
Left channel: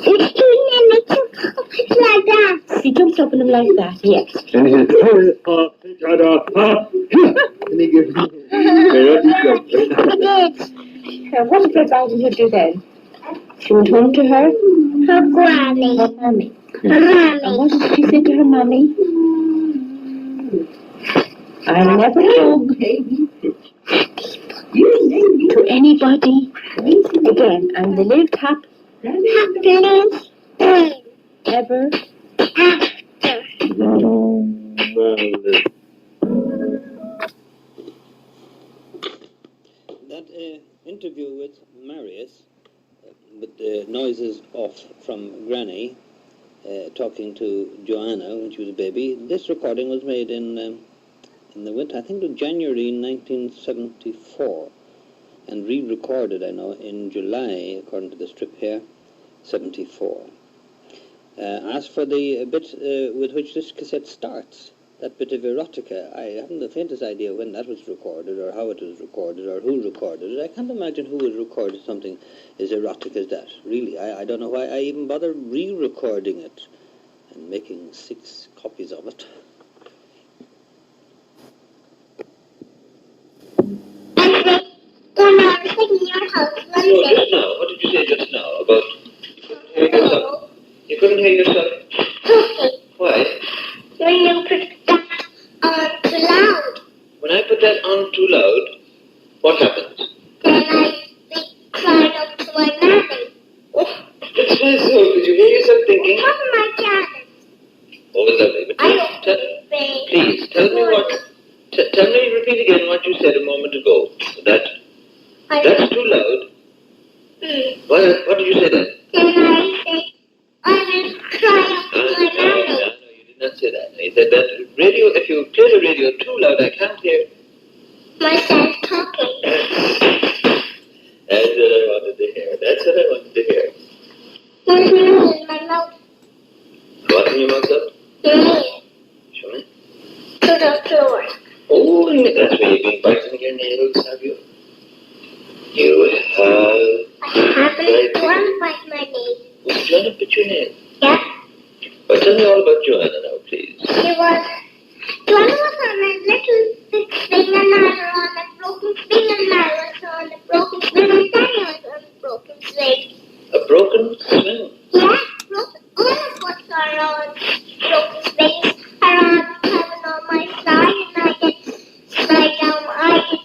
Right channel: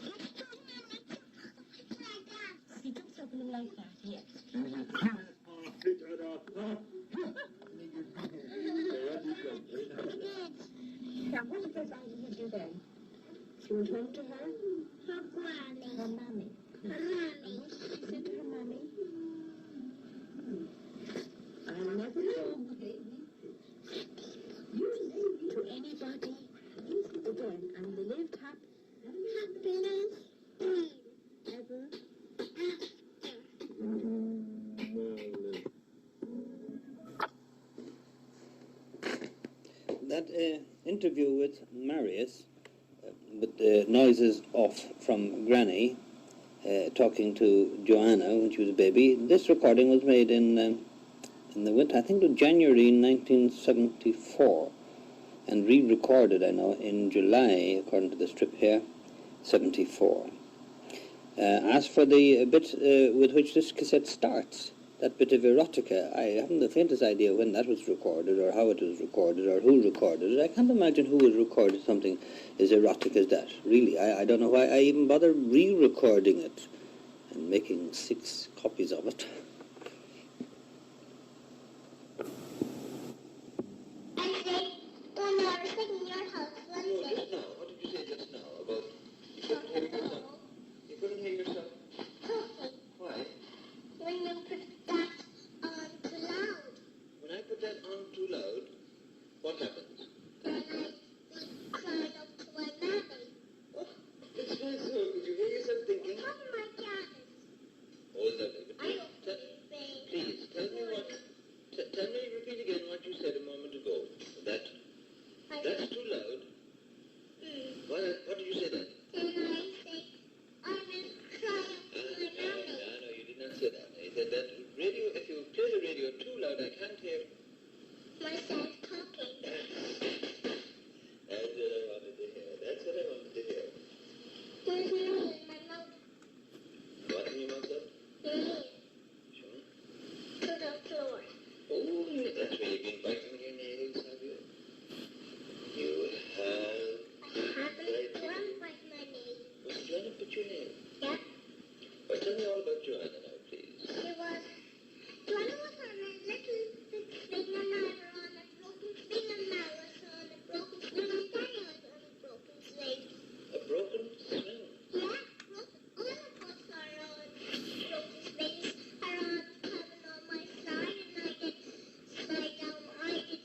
It's doing a little like that. He jumped up on him like that, yes. And he says, and he gives him karate chop. It is. What did Red Riding Hood do then? She went home to her Granny. mammy. Granny. And what did she say to her mammy? I'll never hug to anybody again. And the little tap Happiness. ever. That interview with Marius, with the noises off from Granny, talking to Joanna when she was a baby, this recording was made in the winter, I think it was January 1974, and re-recorded, I know, in July, according to the strip here, 74. As for the bit with which this cassette starts, that bit of erotica, I haven't the faintest idea when that was recorded, or how it was recorded, or who recorded it. I can't imagine who would record something as erotic as that. Really, I don't know why I even bother re-recording it and making 6 copies of it. When I was in your house one No, day. just now. What did you say just now about you couldn't hear yourself? Okay. Why? When you put that on too loud, When I put that on too loud, what happens? then I cried up to my mommy. It's my soul. Did you hear yourself thinking? Come on, my dad. Oh, lovely. But I don't please, tell me what... tell me, repeat again what you said a moment ago. That's too loud. What did you say then? Then I said, I will cry up to my mommy. No, you did not say that. You said that radio, if you play the radio too loud, I can't hear. Myself talking. That's what I wanted to hear. That's what I wanted to hear. There's nail in my mouth. What in your mouth up? Nail Show me. to the floor. Oh, and that's where you've been biting your nails, have you? You have. I haven't one bite my nail. Would you want to bit your nail? Yeah. Well, tell me all about Joanna now, please. Joanna was on a little big swing and I was on a broken swing and I was on a broken swing and Daddy was on a broken swing. A broken swing? Yeah, all of us are on broken swings. Around coming on my side and I get slide down my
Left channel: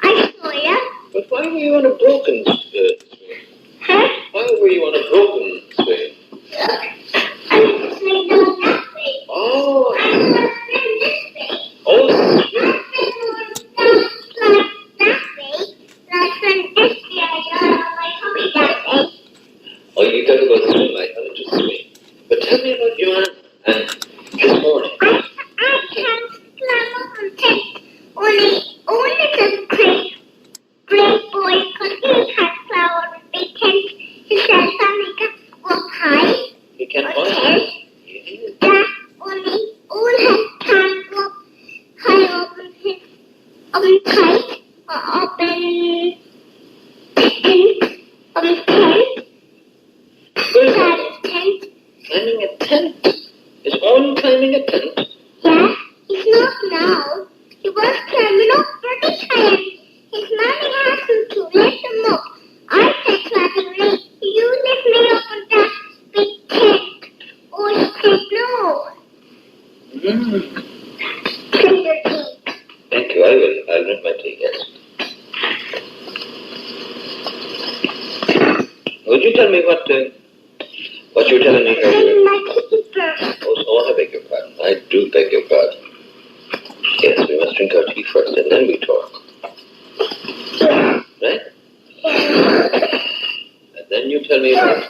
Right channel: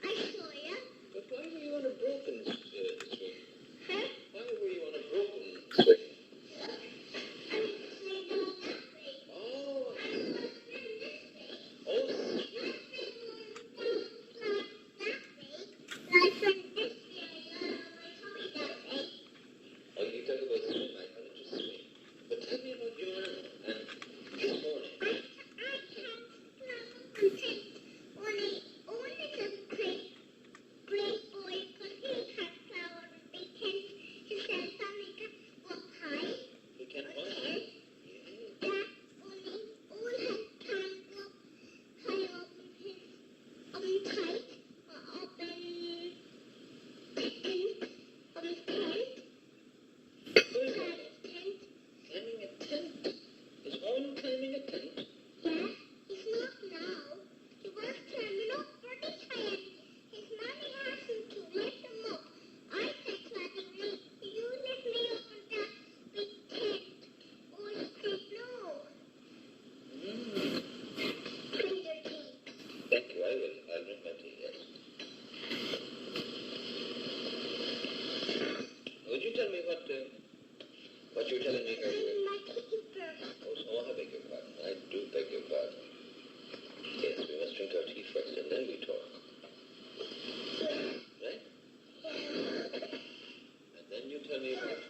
I saw ya. But why were you on a broken swing? Huh? Why were you on a broken swing? I was swing down that way. Oh, I was swing this way. oh, I swing down slide that way. And I swing this way. I got on my tummy that way. oh, you talk about swim. I thought it was swing. But tell me about Joanna and this morning. I can't climb up on tent. Only the great boy, because he can't climb on a big tent. He says something can go up high. You can Okay. find Yeah, only all have can't go up high up in his tight or up in tent. Inside his tent. climbing a tent. Is Owen climbing a tent? Yeah, he's not now. He was climbing up pretty high. His mommy asked him to lift him up. I said laughingly, you lift me up on that big tent. Oh, he said no. Drink your tea. Thank you. I will. I'll drink my tea, yes. Would you tell me what you were telling me earlier? Drink my tea first. Oh, I beg your pardon. I do beg your pardon. Yes, we must drink our tea first and then we talk. Right? And then you tell me about...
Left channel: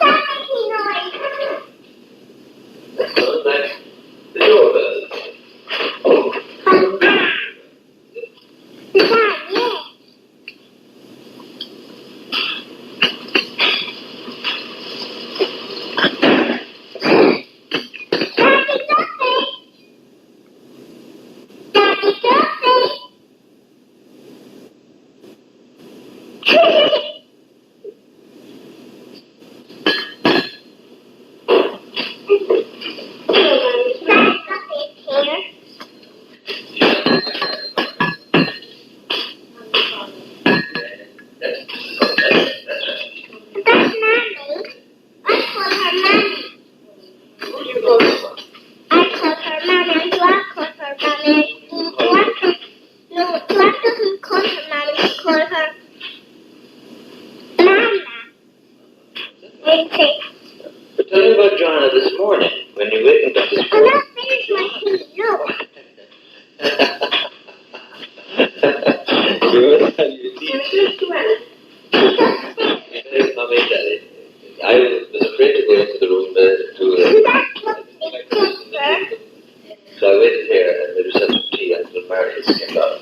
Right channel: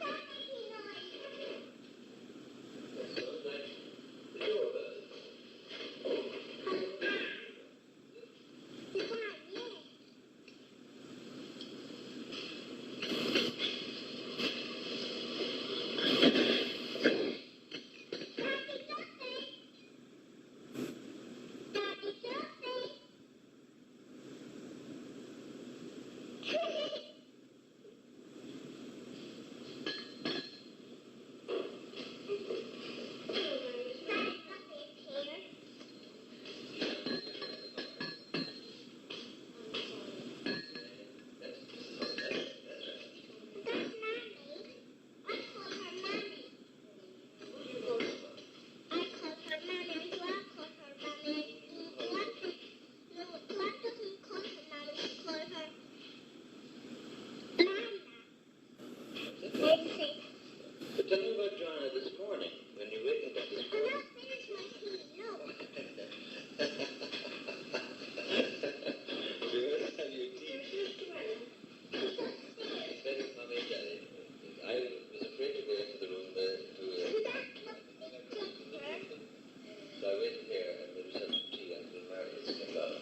asking about.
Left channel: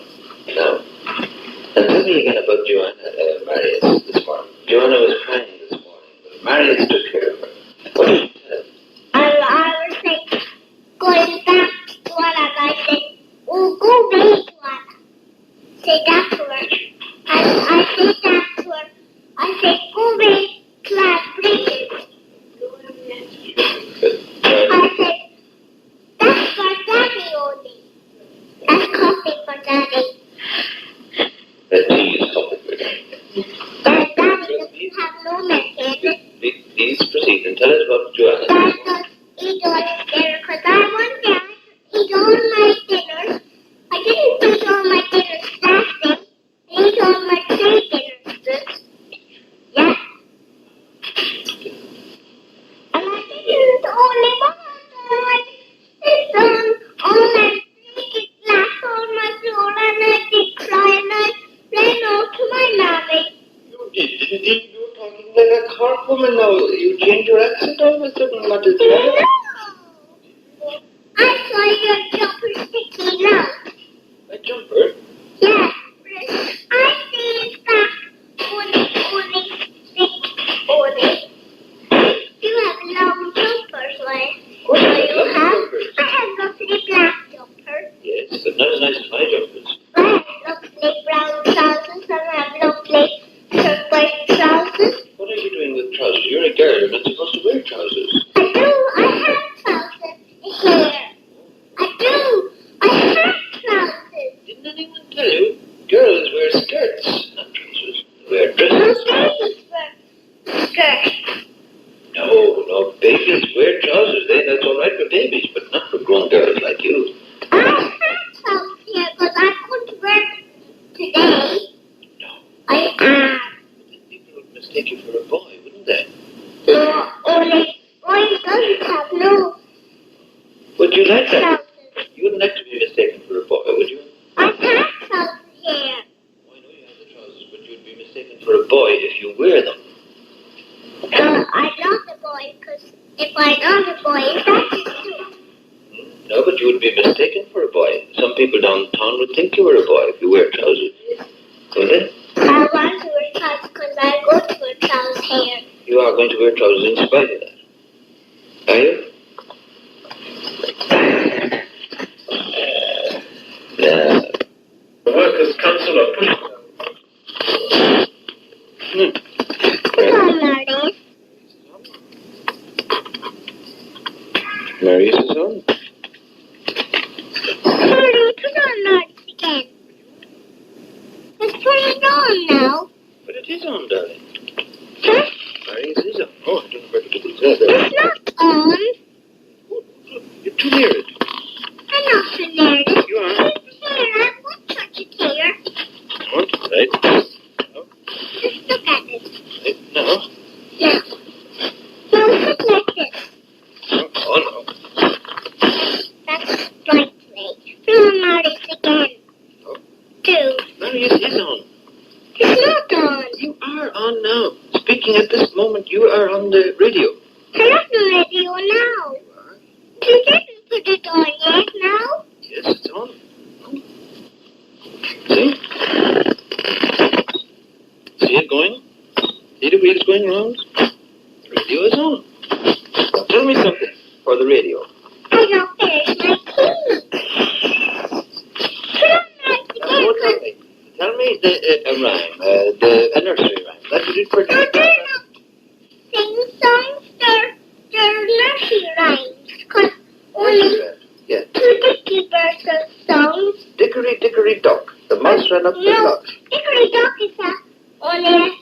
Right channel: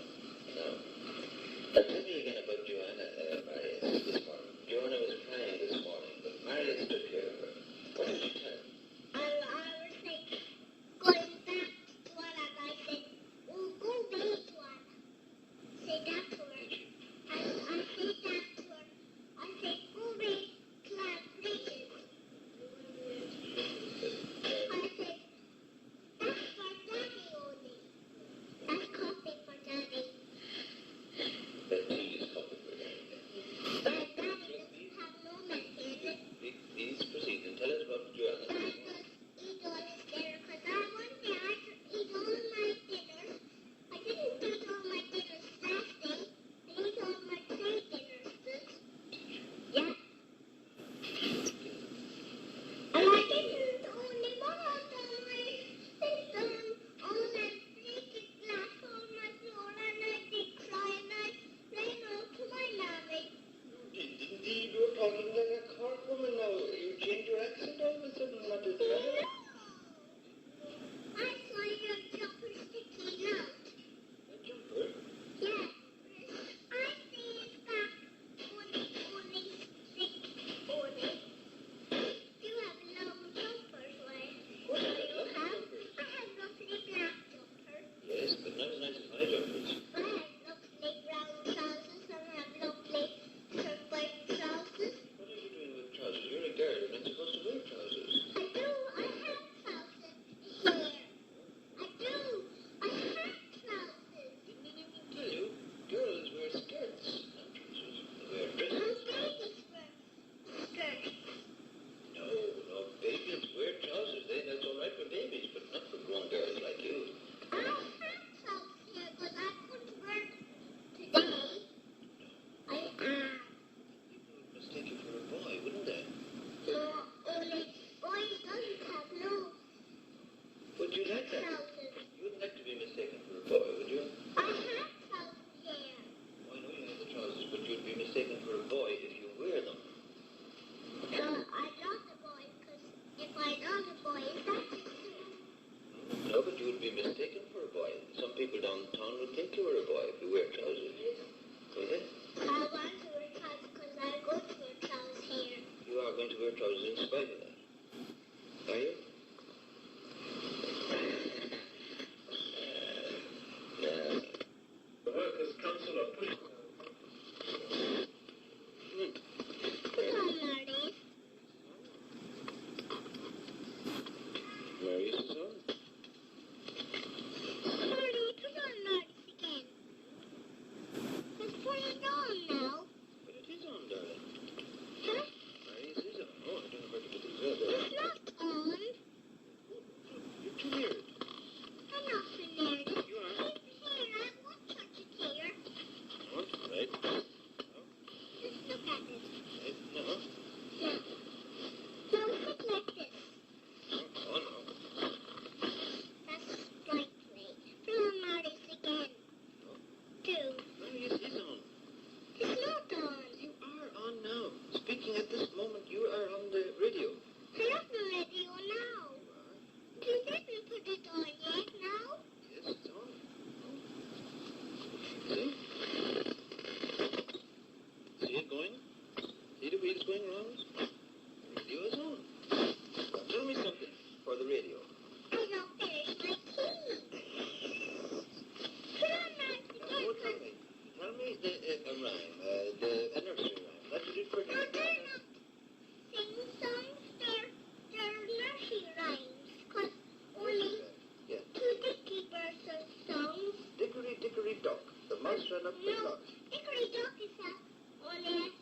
Now, and tell me again about Joanna, Marius, this morning. Joanna was crying this morning, but Marius took care of her. What did you tell? I was like, going back to Joanna, and I said, oh, go back, Joanna. Say that to her. And I said that to her. I said, go back, class, please. I said, that's for Daddy only. That's coffee for Daddy. That tea is coffee for Daddy. Daddy doesn't have no milk in it. Please proceed and tell us about Joanna. Dad does eat all his dinner because I want Dad to eat all my dinners. I didn't eat all my dinners last day. I ate all my 3 dinners this. Yeah. And I didn't only want all my it last all my floor and I did cry and I ran off to my mommy. You didn't you were talking like a carp woman now. You changed your accent all of a sudden. What is that? No! I saw your jumper sticking out. A jumper? Yeah. I see it back only stick. You have long jumpers, right? What So are you lovely have? jumpers? I have lovely black jumpers. Yes, but not as nice as my jumpers. I have lovely brown trousers and I have lovely turquoise trousers. What are you doing with trousers? You're a girl. You're not supposed to wear trousers. I do. I have trousers here. I do. I have trousers. Didn't anyone tell you? Girls wear skirts, not trousers. They wear No dresses. babies wear skirts. No, babies wear trousers. That's all right for babies, but not for grown girls like you. I have trousers here because I couldn't wear them today. No. I am. People would mistake you for a boy, wouldn't they? No, only boy doesn't have no Would you like that? trousers. You wouldn't like to be mistaken for a boy, would you? I have trousers here. I know you have the trousers, but you'd be mistaken for a boy if you wear them. I'm not a boy because if I'm not a boy, that's it too. No, but you would be mistaken for a boy. Some people downtown would think you were a boy if you wear trousers. Would they? I want to wear trousers because I go to wear trousers here. You are going to wear trousers in spite of that. Are you? Yeah. The Workers' Council are pushing. Come on, Marius. Marius is on. Hurry, put on Marius again. Let's put it on now. But it is on, darling. Huh? Marius is on. Oh, I don't know where to put it. There. It's not on. You're too near it. I'm not so near it. You are. Here, I won't touch it here. What? Right. Just look at it. Right. No. Yeah. Now look like this. Oh, no. That's right way. Put on Marius again. Oh. 2. Marius is on. It's not on. You are on now. Speaking at this moment, you are on the radio. I'm not on the radio now. You didn't put it on yet now. Yes, it's on. See? See it going? See the wheels going round? The radio is on. Now tell me something for the radio. I don't finish my tea. Put on Marius Now, again. tell me a rhyme, a nursery rhyme. That's what it for. No, they're not sing songs. They're nursery rhymes. Because only Yeah. 2 dicky birds are songs. Dickory, dickory, dock. The mouse ran up the No, clock. Dickory Dock is only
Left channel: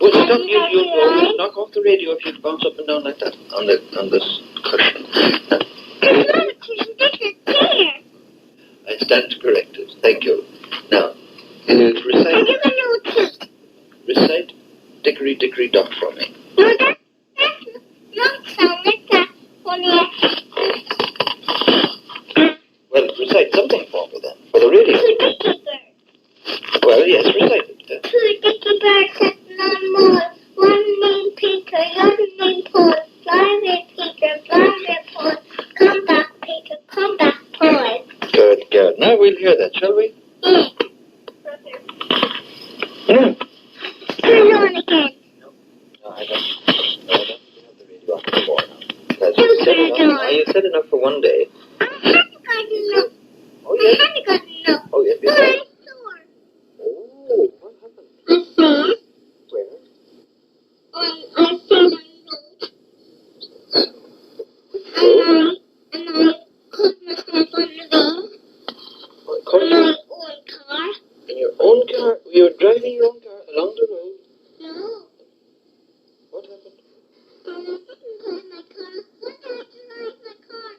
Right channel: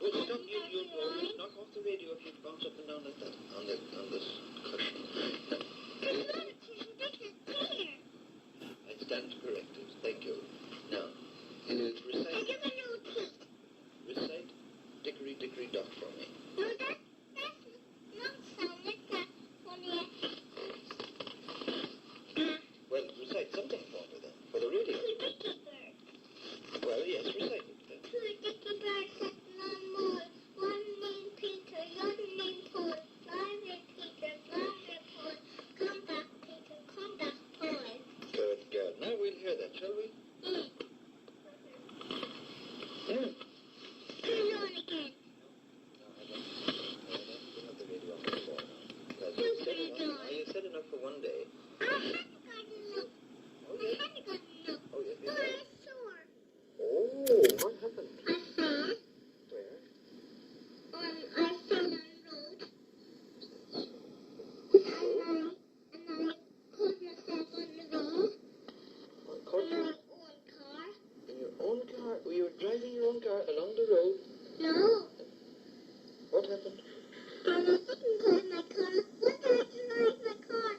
Well, stop, you'll knock off the radio if you bounce up and down like that on this cushion. It's not a cushion, this is chair. I stand corrected. Thank you. Now, I recite, give a new tea. recite Dickory, dickory, dock for me. No, that's not sound like that. Only Well, recite something for me then, for the radio. 2 dicky birds. Well, yes, recite it. 2 dicky birds sitting on moor. One named Peter, the other named Paul. Fly away, Peter, fly away, Paul. Come back, Peter, come back, Paul. Good. Now we'll hear that, shall we? Turn it on again. No, I don't. No, I don't have the radio on anymore. You turn it on. You said enough for one day. I haven't got enough. Oh, I yes. haven't got enough. Oh, yes, But yes. I'm sore. Oh, what happened? I'm sore. Where? I fell on the road. And I caught myself on the road. Caught In you my own car. in your own car? You were driving your own car along the road? No. What happened? I didn't drive my car. When did I drive my car?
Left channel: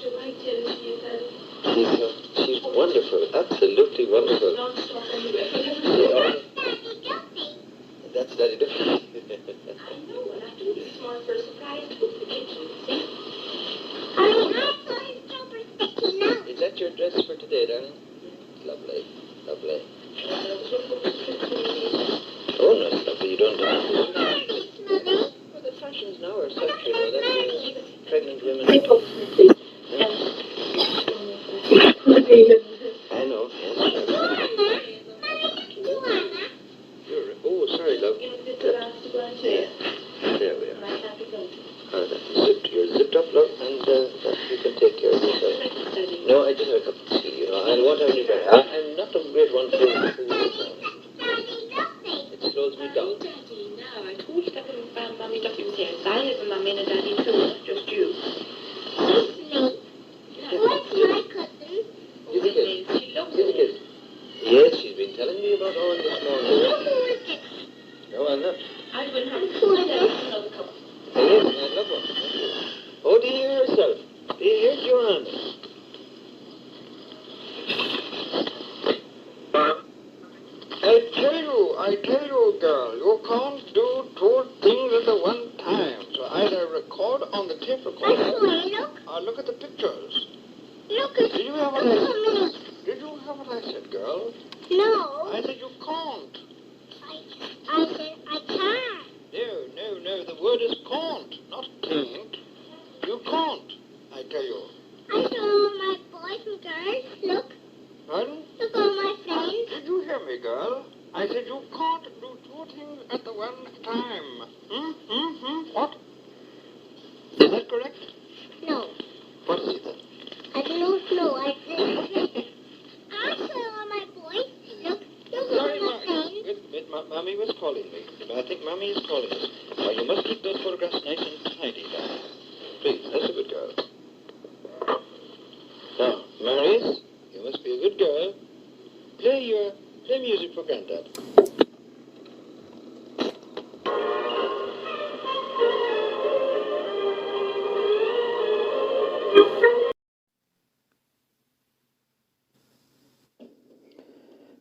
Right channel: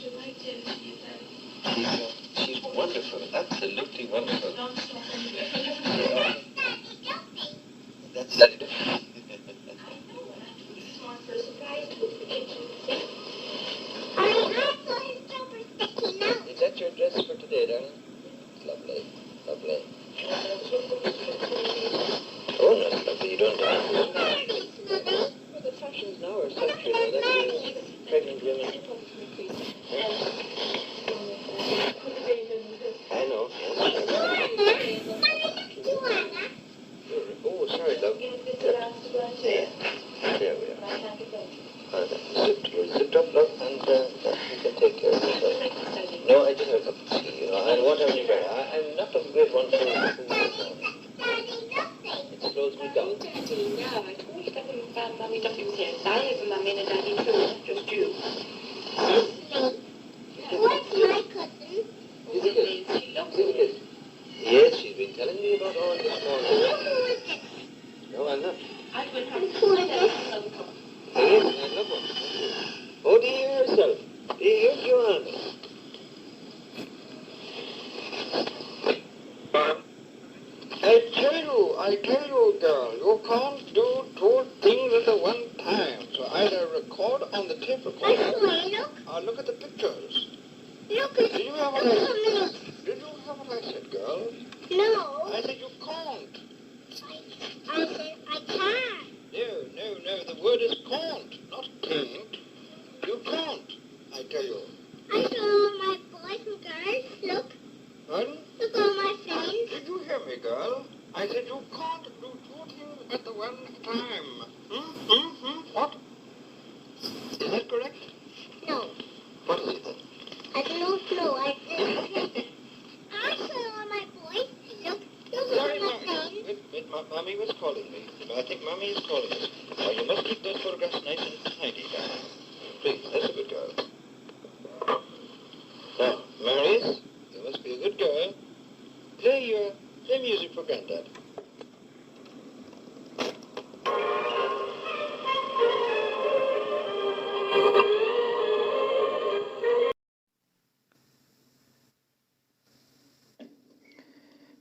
With my daddy. She's wonderful, absolutely wonderful. Yeah. That's very different. Is that your dress for today, darling? Lovely, lovely. Oh, no, it's lovely. You don't have to. Well, the fashions now are such, you know, that pregnant women. I know, yes. Oh, sorry, love. Yeah. There we are. You're zipped up, love, and you can take care of yourself. No, I just have a cup of tea, you know. I won't have any better. I'm not a great one for you now. It slows me down. Yeah, I told you that when Mummy got you here. I live with Mummy and Daddy too, not just you. What's my cousin? Give me a kiss. Give me a kiss. Yes, she's been telling me about Owen this morning. No, I'm not. I will have another cup. Oh, yes, I love one. Oh, do you hear yourself? Do you hear Joanna? I tell you, girl, you can't do two things at the one time. So either record on the tape recorder or look at the pictures. Look at Did you hear what I said? Did you hear what I said, girl? No. I said you can't. I said I can't. No. The word is can't, not can't. You can't, I tell you. I saw my boys and girls. Look. Pardon? Look all my friends. Did you hear me, girl? I said you can't do two things at the one time. What? Is that correct? No. What is it then? I don't know. I saw all my boys. Look all Sorry, my friends. wait, Mommy was calling me. I think Mommy is calling me. Now, you must keep those photographs nice and tidy, darling. Please, that's a good girl. Now, Marius, you must be a good girl. Play music for Grandad.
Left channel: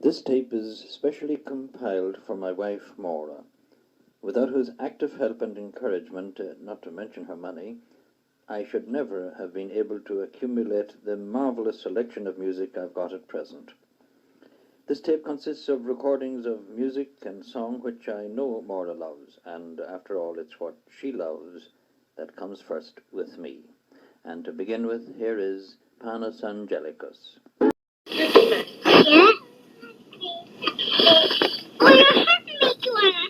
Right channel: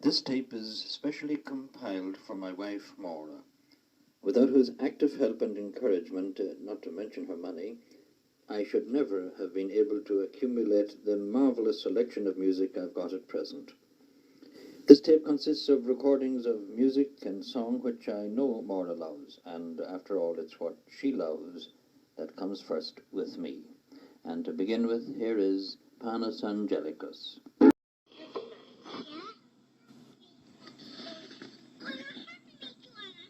This tape is specially compiled for my wife, Maura, without whose active help and encouragement, not to mention her money, I should never have been able to accumulate the marvelous selection of music I've got at present. This tape consists of recordings of music and song which I know Maura loves, and after all, it's what she loves that comes first with me. And to begin with, here is Panis Angelicus. Yeah? Oh, you're happy, Joanna.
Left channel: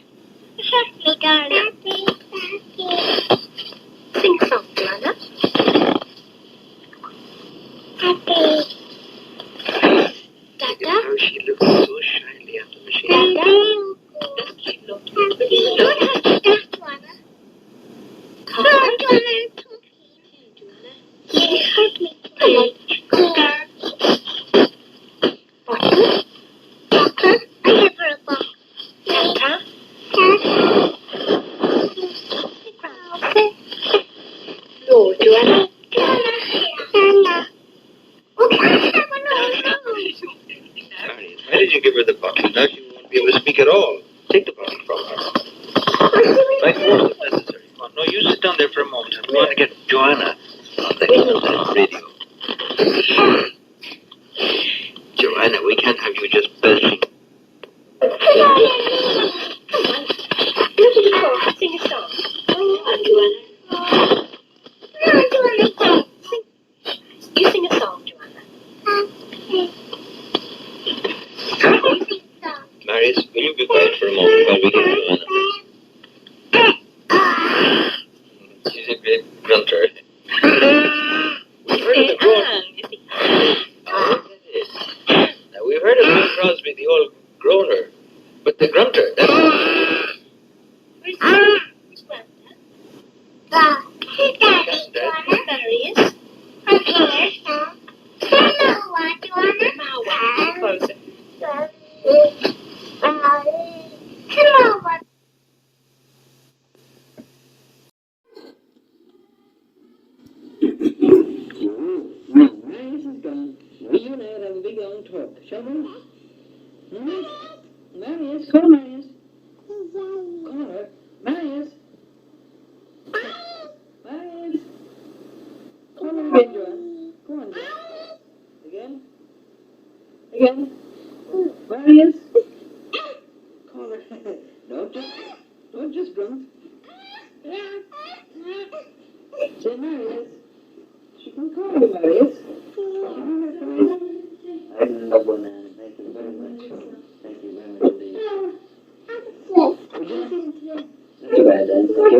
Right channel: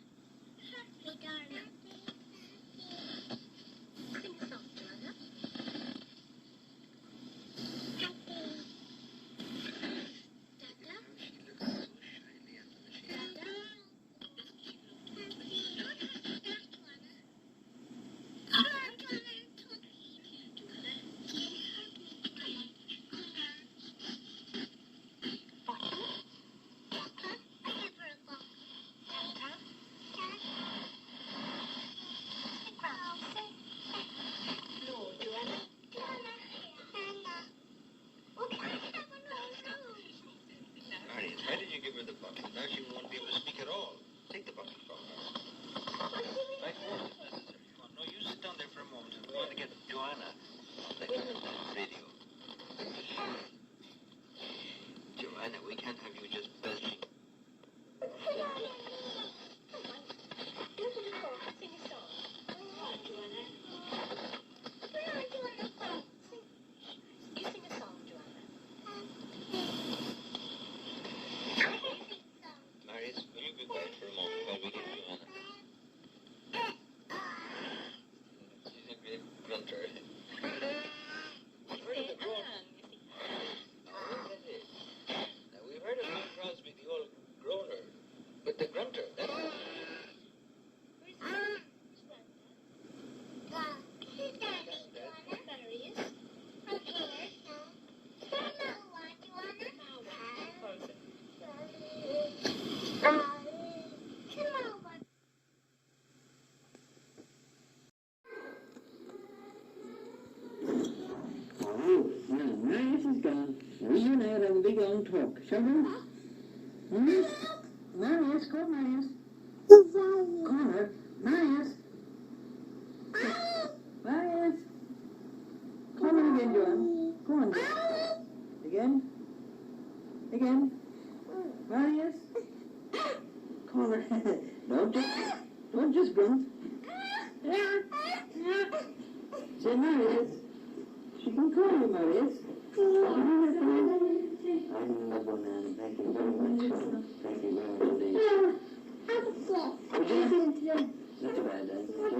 You're happy, darling. Happy. Sing a song, Joanna. Happy. Dada? How she looks so shyly at the machine. Dada? Doesn't she look Happy. Don't have to dance, Joanna. No, Joanna. You hurt me today. Walker? Walker? I have her a box. Tata? Tata? No, Joanna. Joanna. Okay, I have another nose. Marius, why did you give her the bottle? Now she won't be able to speak at all. Take the bottle from her. By force if necessary. Come on, no, you sit down there for a moment. I'm going to get Joanna on the radio. a moment while we get Joanna. She's a great grunter. We've heard of the groaner. Now, we've heard of Bill Crosby, the old groaner, but the grunter, that's... Where's Grandad? There he is. Closer. Marius is gone. Now you and I will have a big long talk, shall we? Marius, call Marius. Call her. Marius. Marius. Call her again, Joanne. Go on, Joanne. Again. Again. Marius. Call her. Don't just grunt. Say Marius. She can call you Marius. I love one, Anne. Thank you very much. Thank you very much indeed. Not too bad, Anne. Thank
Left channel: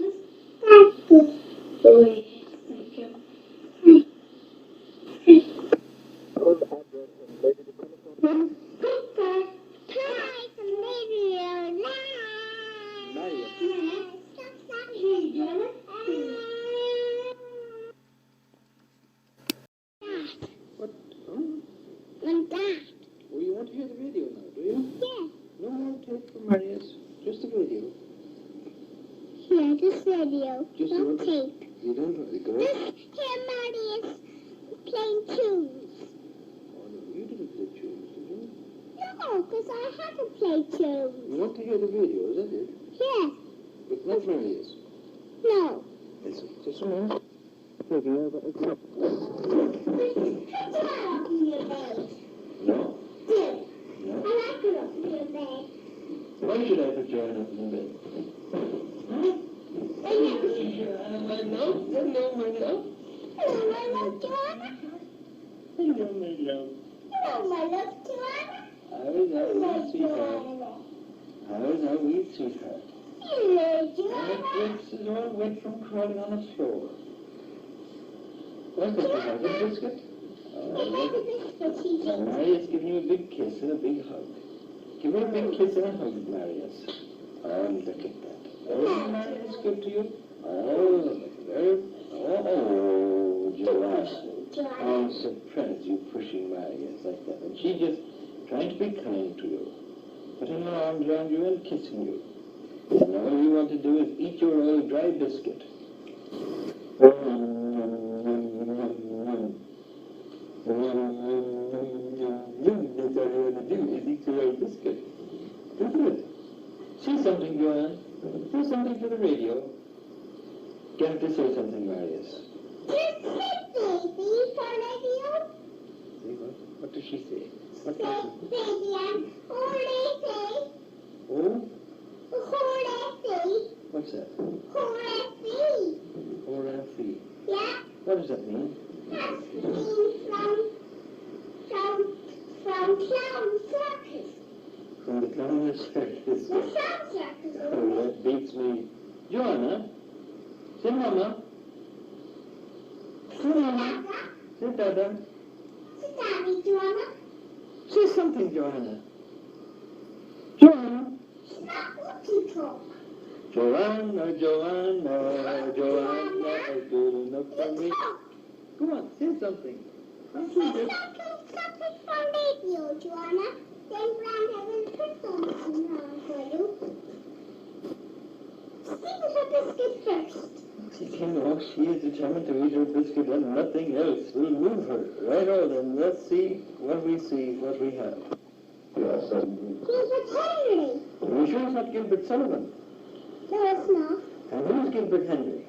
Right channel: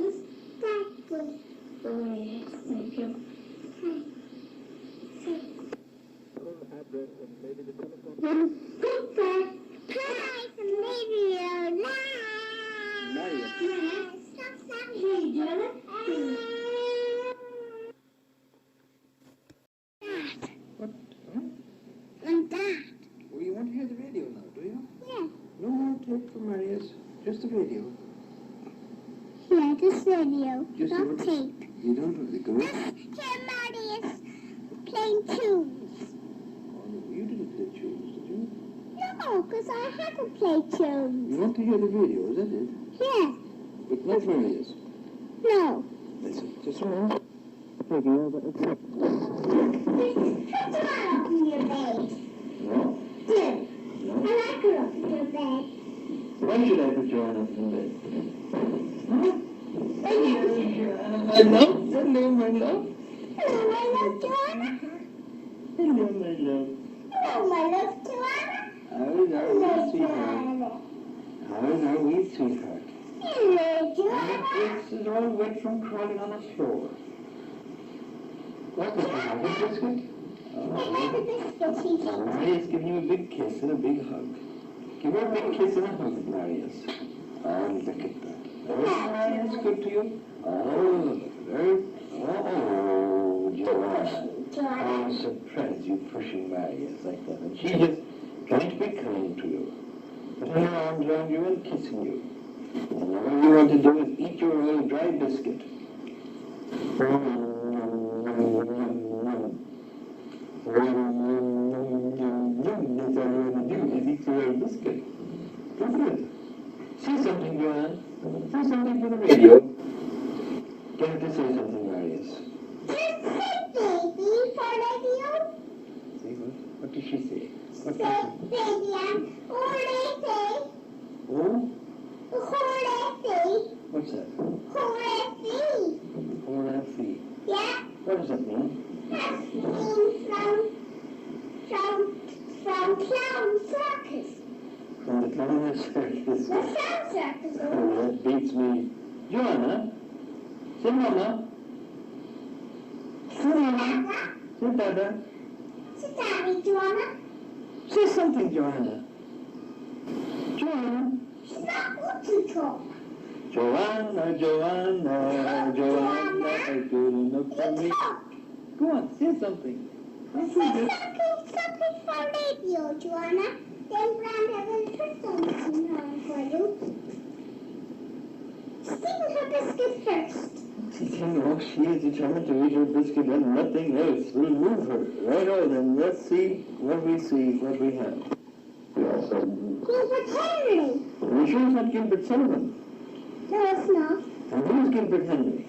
you. What? And Dad. Oh, you want to hear the radio now, do you? Yeah. No more tape from Marius. Just the radio. Yeah, just radio. Just Not the- tape. You don't want to go? Here, Marius playing tunes. Oh, no, you didn't play tunes, did you? No, because I had to play tunes. You want to hear the radio, is that it? Yeah. But not Marius. No. Listen, just a moment. Taking over. Put your hand up in your bed. No. Do. No. I like her up in your bed. Why should I put Joanne up in bed? Huh? Hello, Hello, hello, my love. Hello, my love, Joanna. Hello, my love. Hello, my love, Joanna. How is our Hello, wee sweetheart? Joanna. How is our wee sweetheart? Hello, And the Joanna. bricks is all wet from crawling on the floor. What's this, a biscuit? Oh, Biscuits, he thinks. Marius giving you a big kiss and a big hug. Give her a big kiss and a hug, Marius. Oh, look at that. Oh, Marius, good to you? Oh, look at her. Oh, Joanna. Joanna. I'm surprised you pushing Marius like that. And she's just trying to be kind to you. Putting her arms around you and kissing you. And all you want to do is eat your old dry biscuit. That's all you want to do is eat your old biscuit. Isn't it? Say something, Joanne. Say something for the radio. Get her to say something, Marius. Baby for radio. Say what? What does she say? What Say, does baby, I'm she... Oh? What's that? Horafi. Yeah, What does that mean? that means from clown circus. From the clown circus. The clown circus. Oh, that beats me. Joanna? Say Mama. Say Mama. Say Dada. Sit down, Joanna. Say something, Joanna. Joanna. She's not good to talk. Joanna, Joanna, Joanna, is good enough for me. Talk. Go on, say something. Don't Say you just... something for radio, Joanna. Then Grandad will put something on for you. Sing her biscuit first. She is determined to eat her biscuit and nothing else will move her. Right on, then let's see what we have. Gilbert Henry. Are you sure it's not Gilbert Sullivan? No, it's not. And who's Gilbert Henry?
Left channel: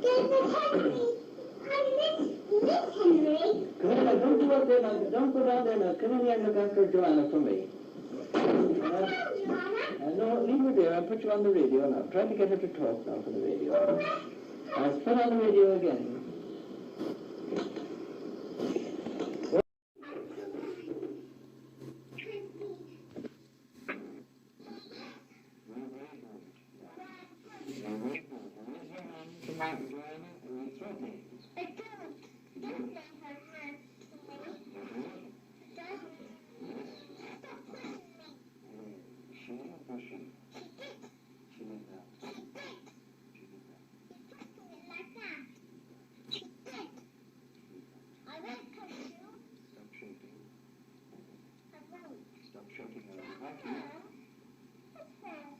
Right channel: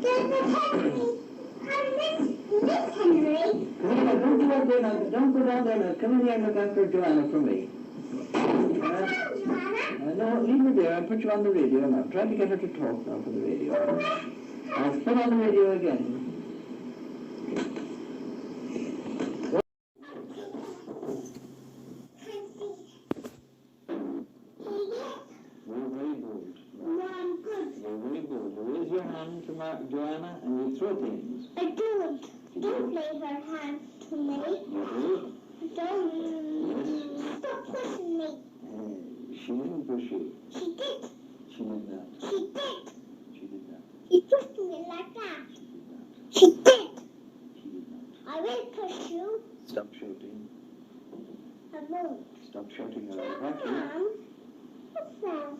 Gilbert Henry. I'm Miss Henry. Come on, don't go out there now. Don't go down there now. Come in here and look after Joanna for me. No, leave her there. I'll put you on the radio now. Try to get her to talk now for the radio. I'll put on the radio again. Raise your hand to Joanna and you throw things. I don't. Don't raise your hand to me. You do? Don't. Stop pushing me. She didn't push you. She did. She did not. She did. She did not. She pushed me like that. She did. She did not. I will push you. Stop shouting. I won't. Stop shouting around. Sometimes. What's that?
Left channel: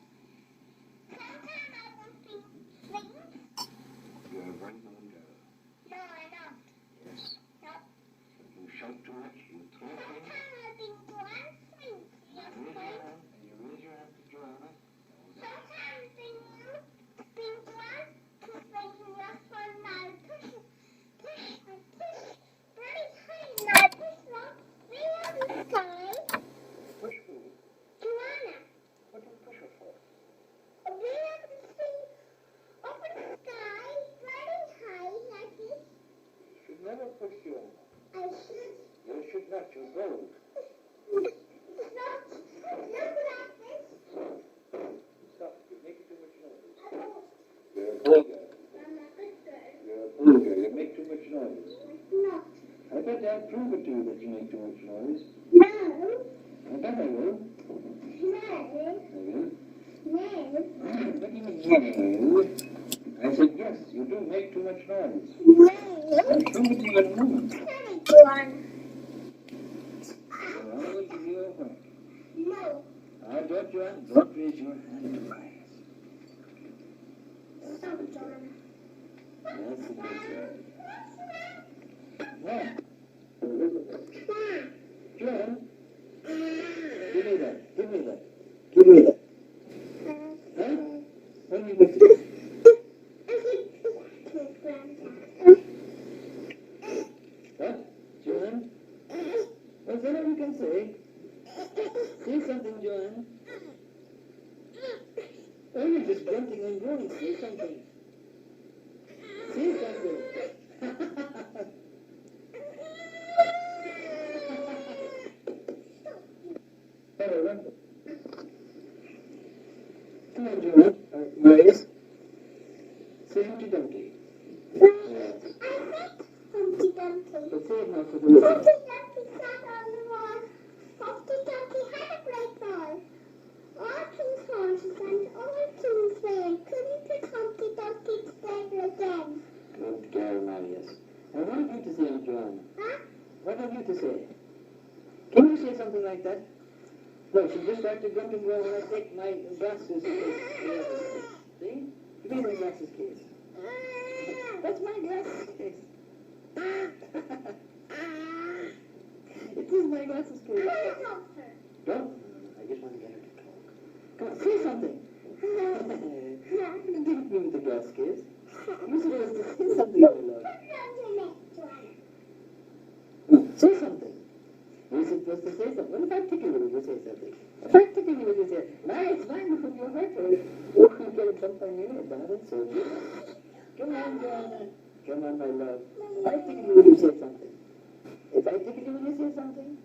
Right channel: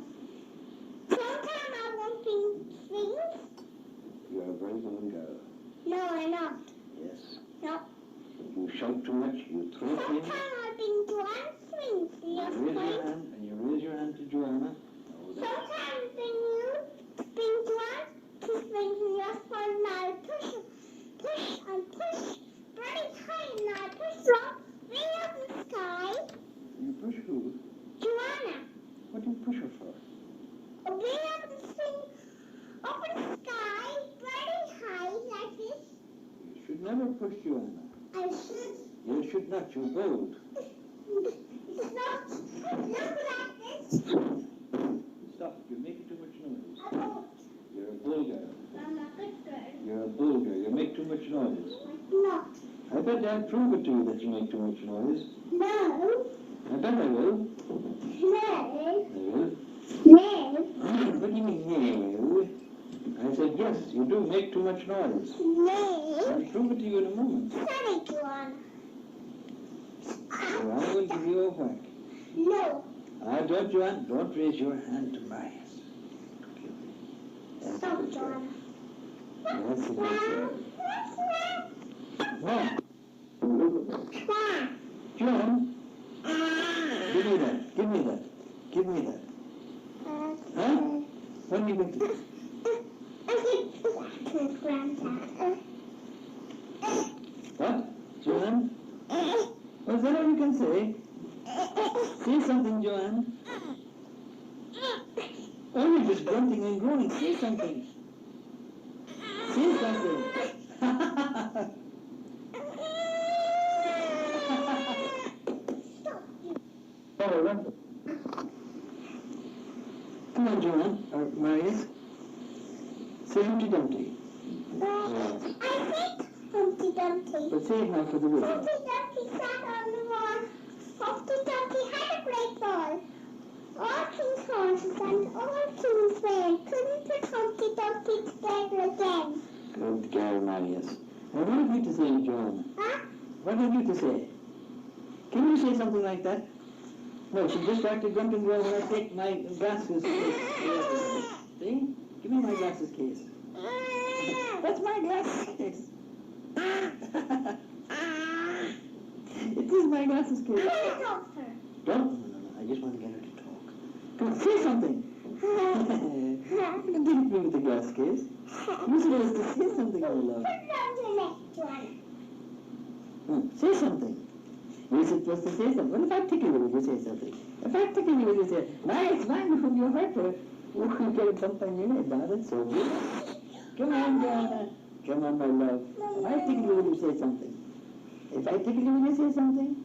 Sometimes I won't be things. You're a very good girl. No, I'm not. Yes. No. You shout too much. You throw things. Sometimes I've been doing things. You Yes, raise your please. hand and you raise your hand to Joanna. Sometimes when you been doing to things in your phone, I push and push very high, and I push up way up in the sky. You push who? Joanna, What do you push her for? way up in the thing, up in the sky, very high like this. You should never push Joanna. I should. You should not. You're bold. It's not. Look like this. Stop. You're making too much noise. I won't. You're a bull girl. I'm a good girl. You're a bull girl. You make too much noise. I'm not. I bet I'll prove it to you that you make too much noise. No. I bet I will. No. I will. No. What do you mean, no? I said, yes, you do make too much noise. No. I'll prove it to you in a moment. Sorry, Joanna. Joanna will give you a whack. No. Don't, Joanne, don't raise your hand to mine. Stop, Joanna. That's a good girl. Stop. Joanne, give me that. Give me that. Give me that. Huh? What do you make it? What? Joanne? Was that all you can say? Say something, Joanne. Oh, you're just grunting and groaning. Say something. Say something. Oh, run. Come on, Joanne. Grace. Say Humpty Dumpty. Humpty Dumpty. But say it now for the radio. Humpty Dumpty sat on the wall. Humpty Dumpty had a great ball. All king's horses and all king's men couldn't put Humpty Dumpty together again. Good girl, Marius. Now, what have you to say, Joanna? Huh? What have you to say? Can you say something like that? No, she just started grunting well when I take my glasses case. See? Give me my glasses case. That's my glasses case. It is my glasses case. Don't. No. I just want to get her to talk. Come on, say something. You can take me with the glass case. You're supposed to say something out loud. Say something. You're supposed to say something. What if I tickle you when you say something? If I tickle you when you say, nice, from your heart for it. Oh, you get it sometime in your head. Now that's so good. Come on, Joanna. Come on, my love. If I tickle you when you say something. If I tickle you when you say something.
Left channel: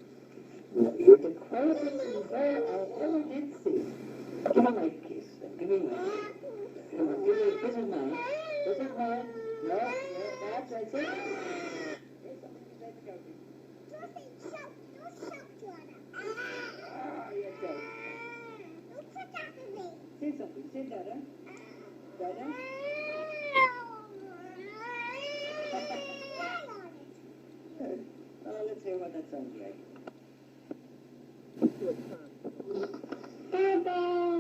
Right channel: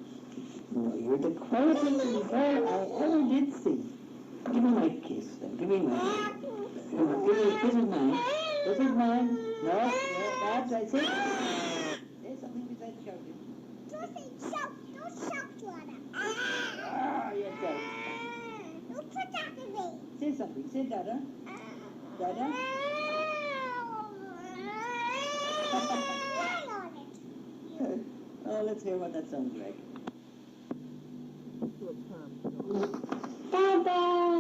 No, you're the quietest little girl I ever did see. Give me my kiss. Then. Give me mine. Come on, give me, this is mine. This is mine. No, that's right. Say something besides shouting. Don't shout, Joanna. Ah, yes, sir. Don't put that in me. Say something. Say Dada. Dada. Oh, let's hear what that sounds like. Daddy.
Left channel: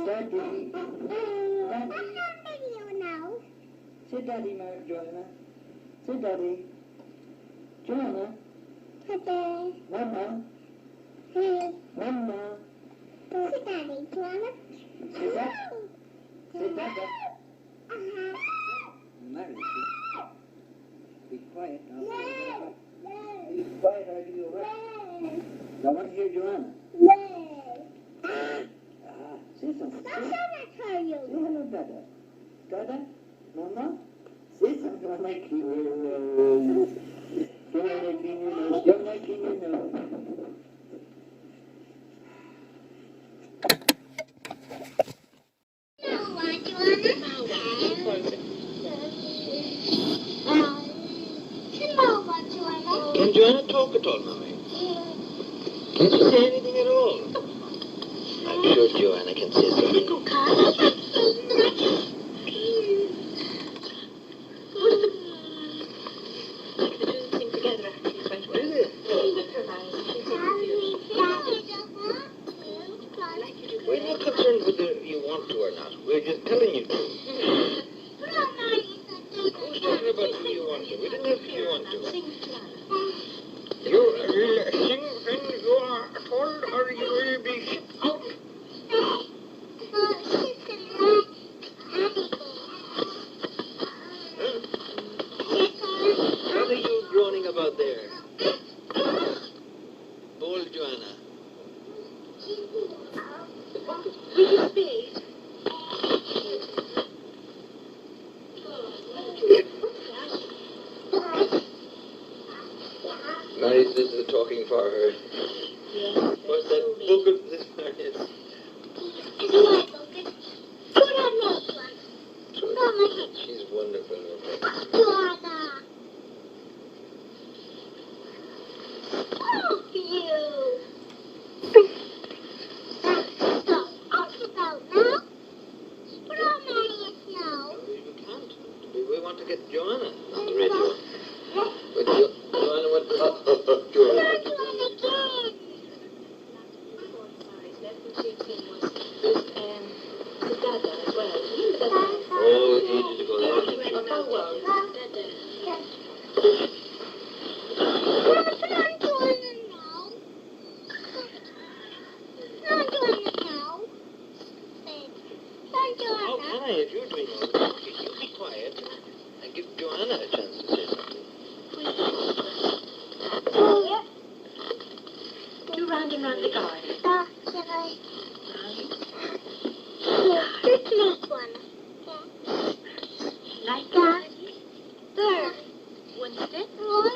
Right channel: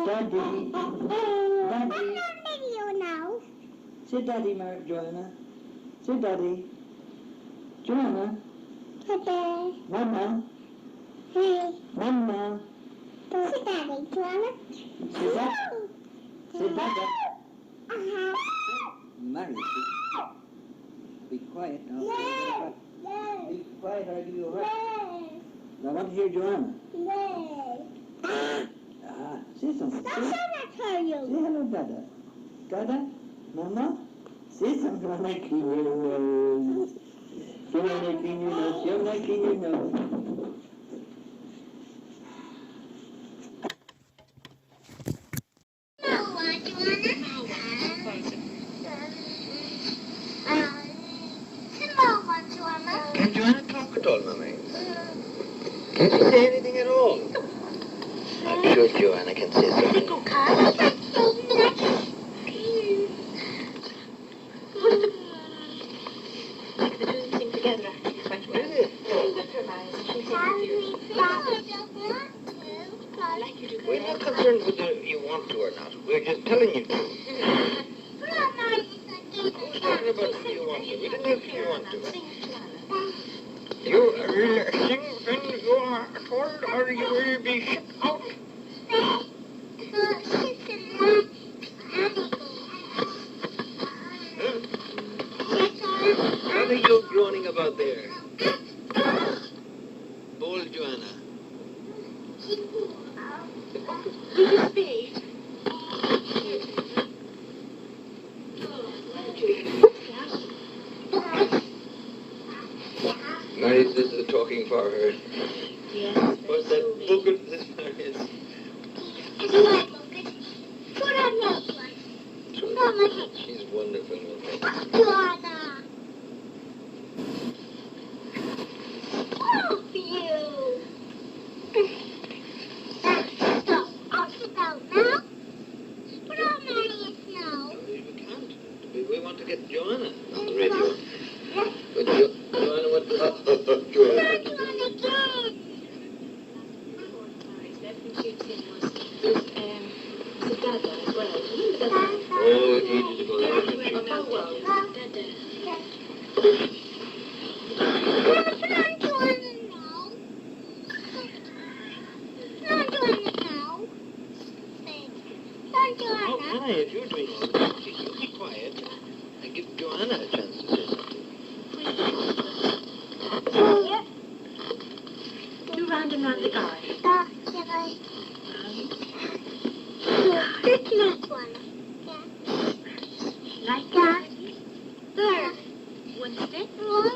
Daddy. I'm Daddy. not video now. Say Daddy, Joanna. Say Daddy. Joanna. Daddy. Mama. Hey. Mama. Don't say Daddy, Joanna. Say Dada. Say Dada. Uh-huh. Mary, be quiet now. No. Be quiet or I'll give you a whack. No. I want to hear Joanna. No. Say something. That's what I tell you. Say hello, Dada. Dada? Mama? Say something. I'm not clean your nose. You're not clean your nose. You're not clean your nose. Can Joanna talk at all, Mummy? Can she say anything at all? I'm sure Joanna can say something. We're not concerned whether you want to or not. We're just telling you to. Who's talking about whether you want to? We didn't ask if you want to. You will sing when you are told, or you will be shipped out. What are you groaning about there? Bold Joanna. Marius is talking for her. Yes. What's that book of this, Marius? She's wonderful. You can't. We want to get Joanna on the radio. But Joanna, what? Joanna. Oh, ages ago. How can I, if you're doing all the talking? You be quiet and give Joanna a chance to say something. Do round and round the garden. This next one. Like that. There. One step. One.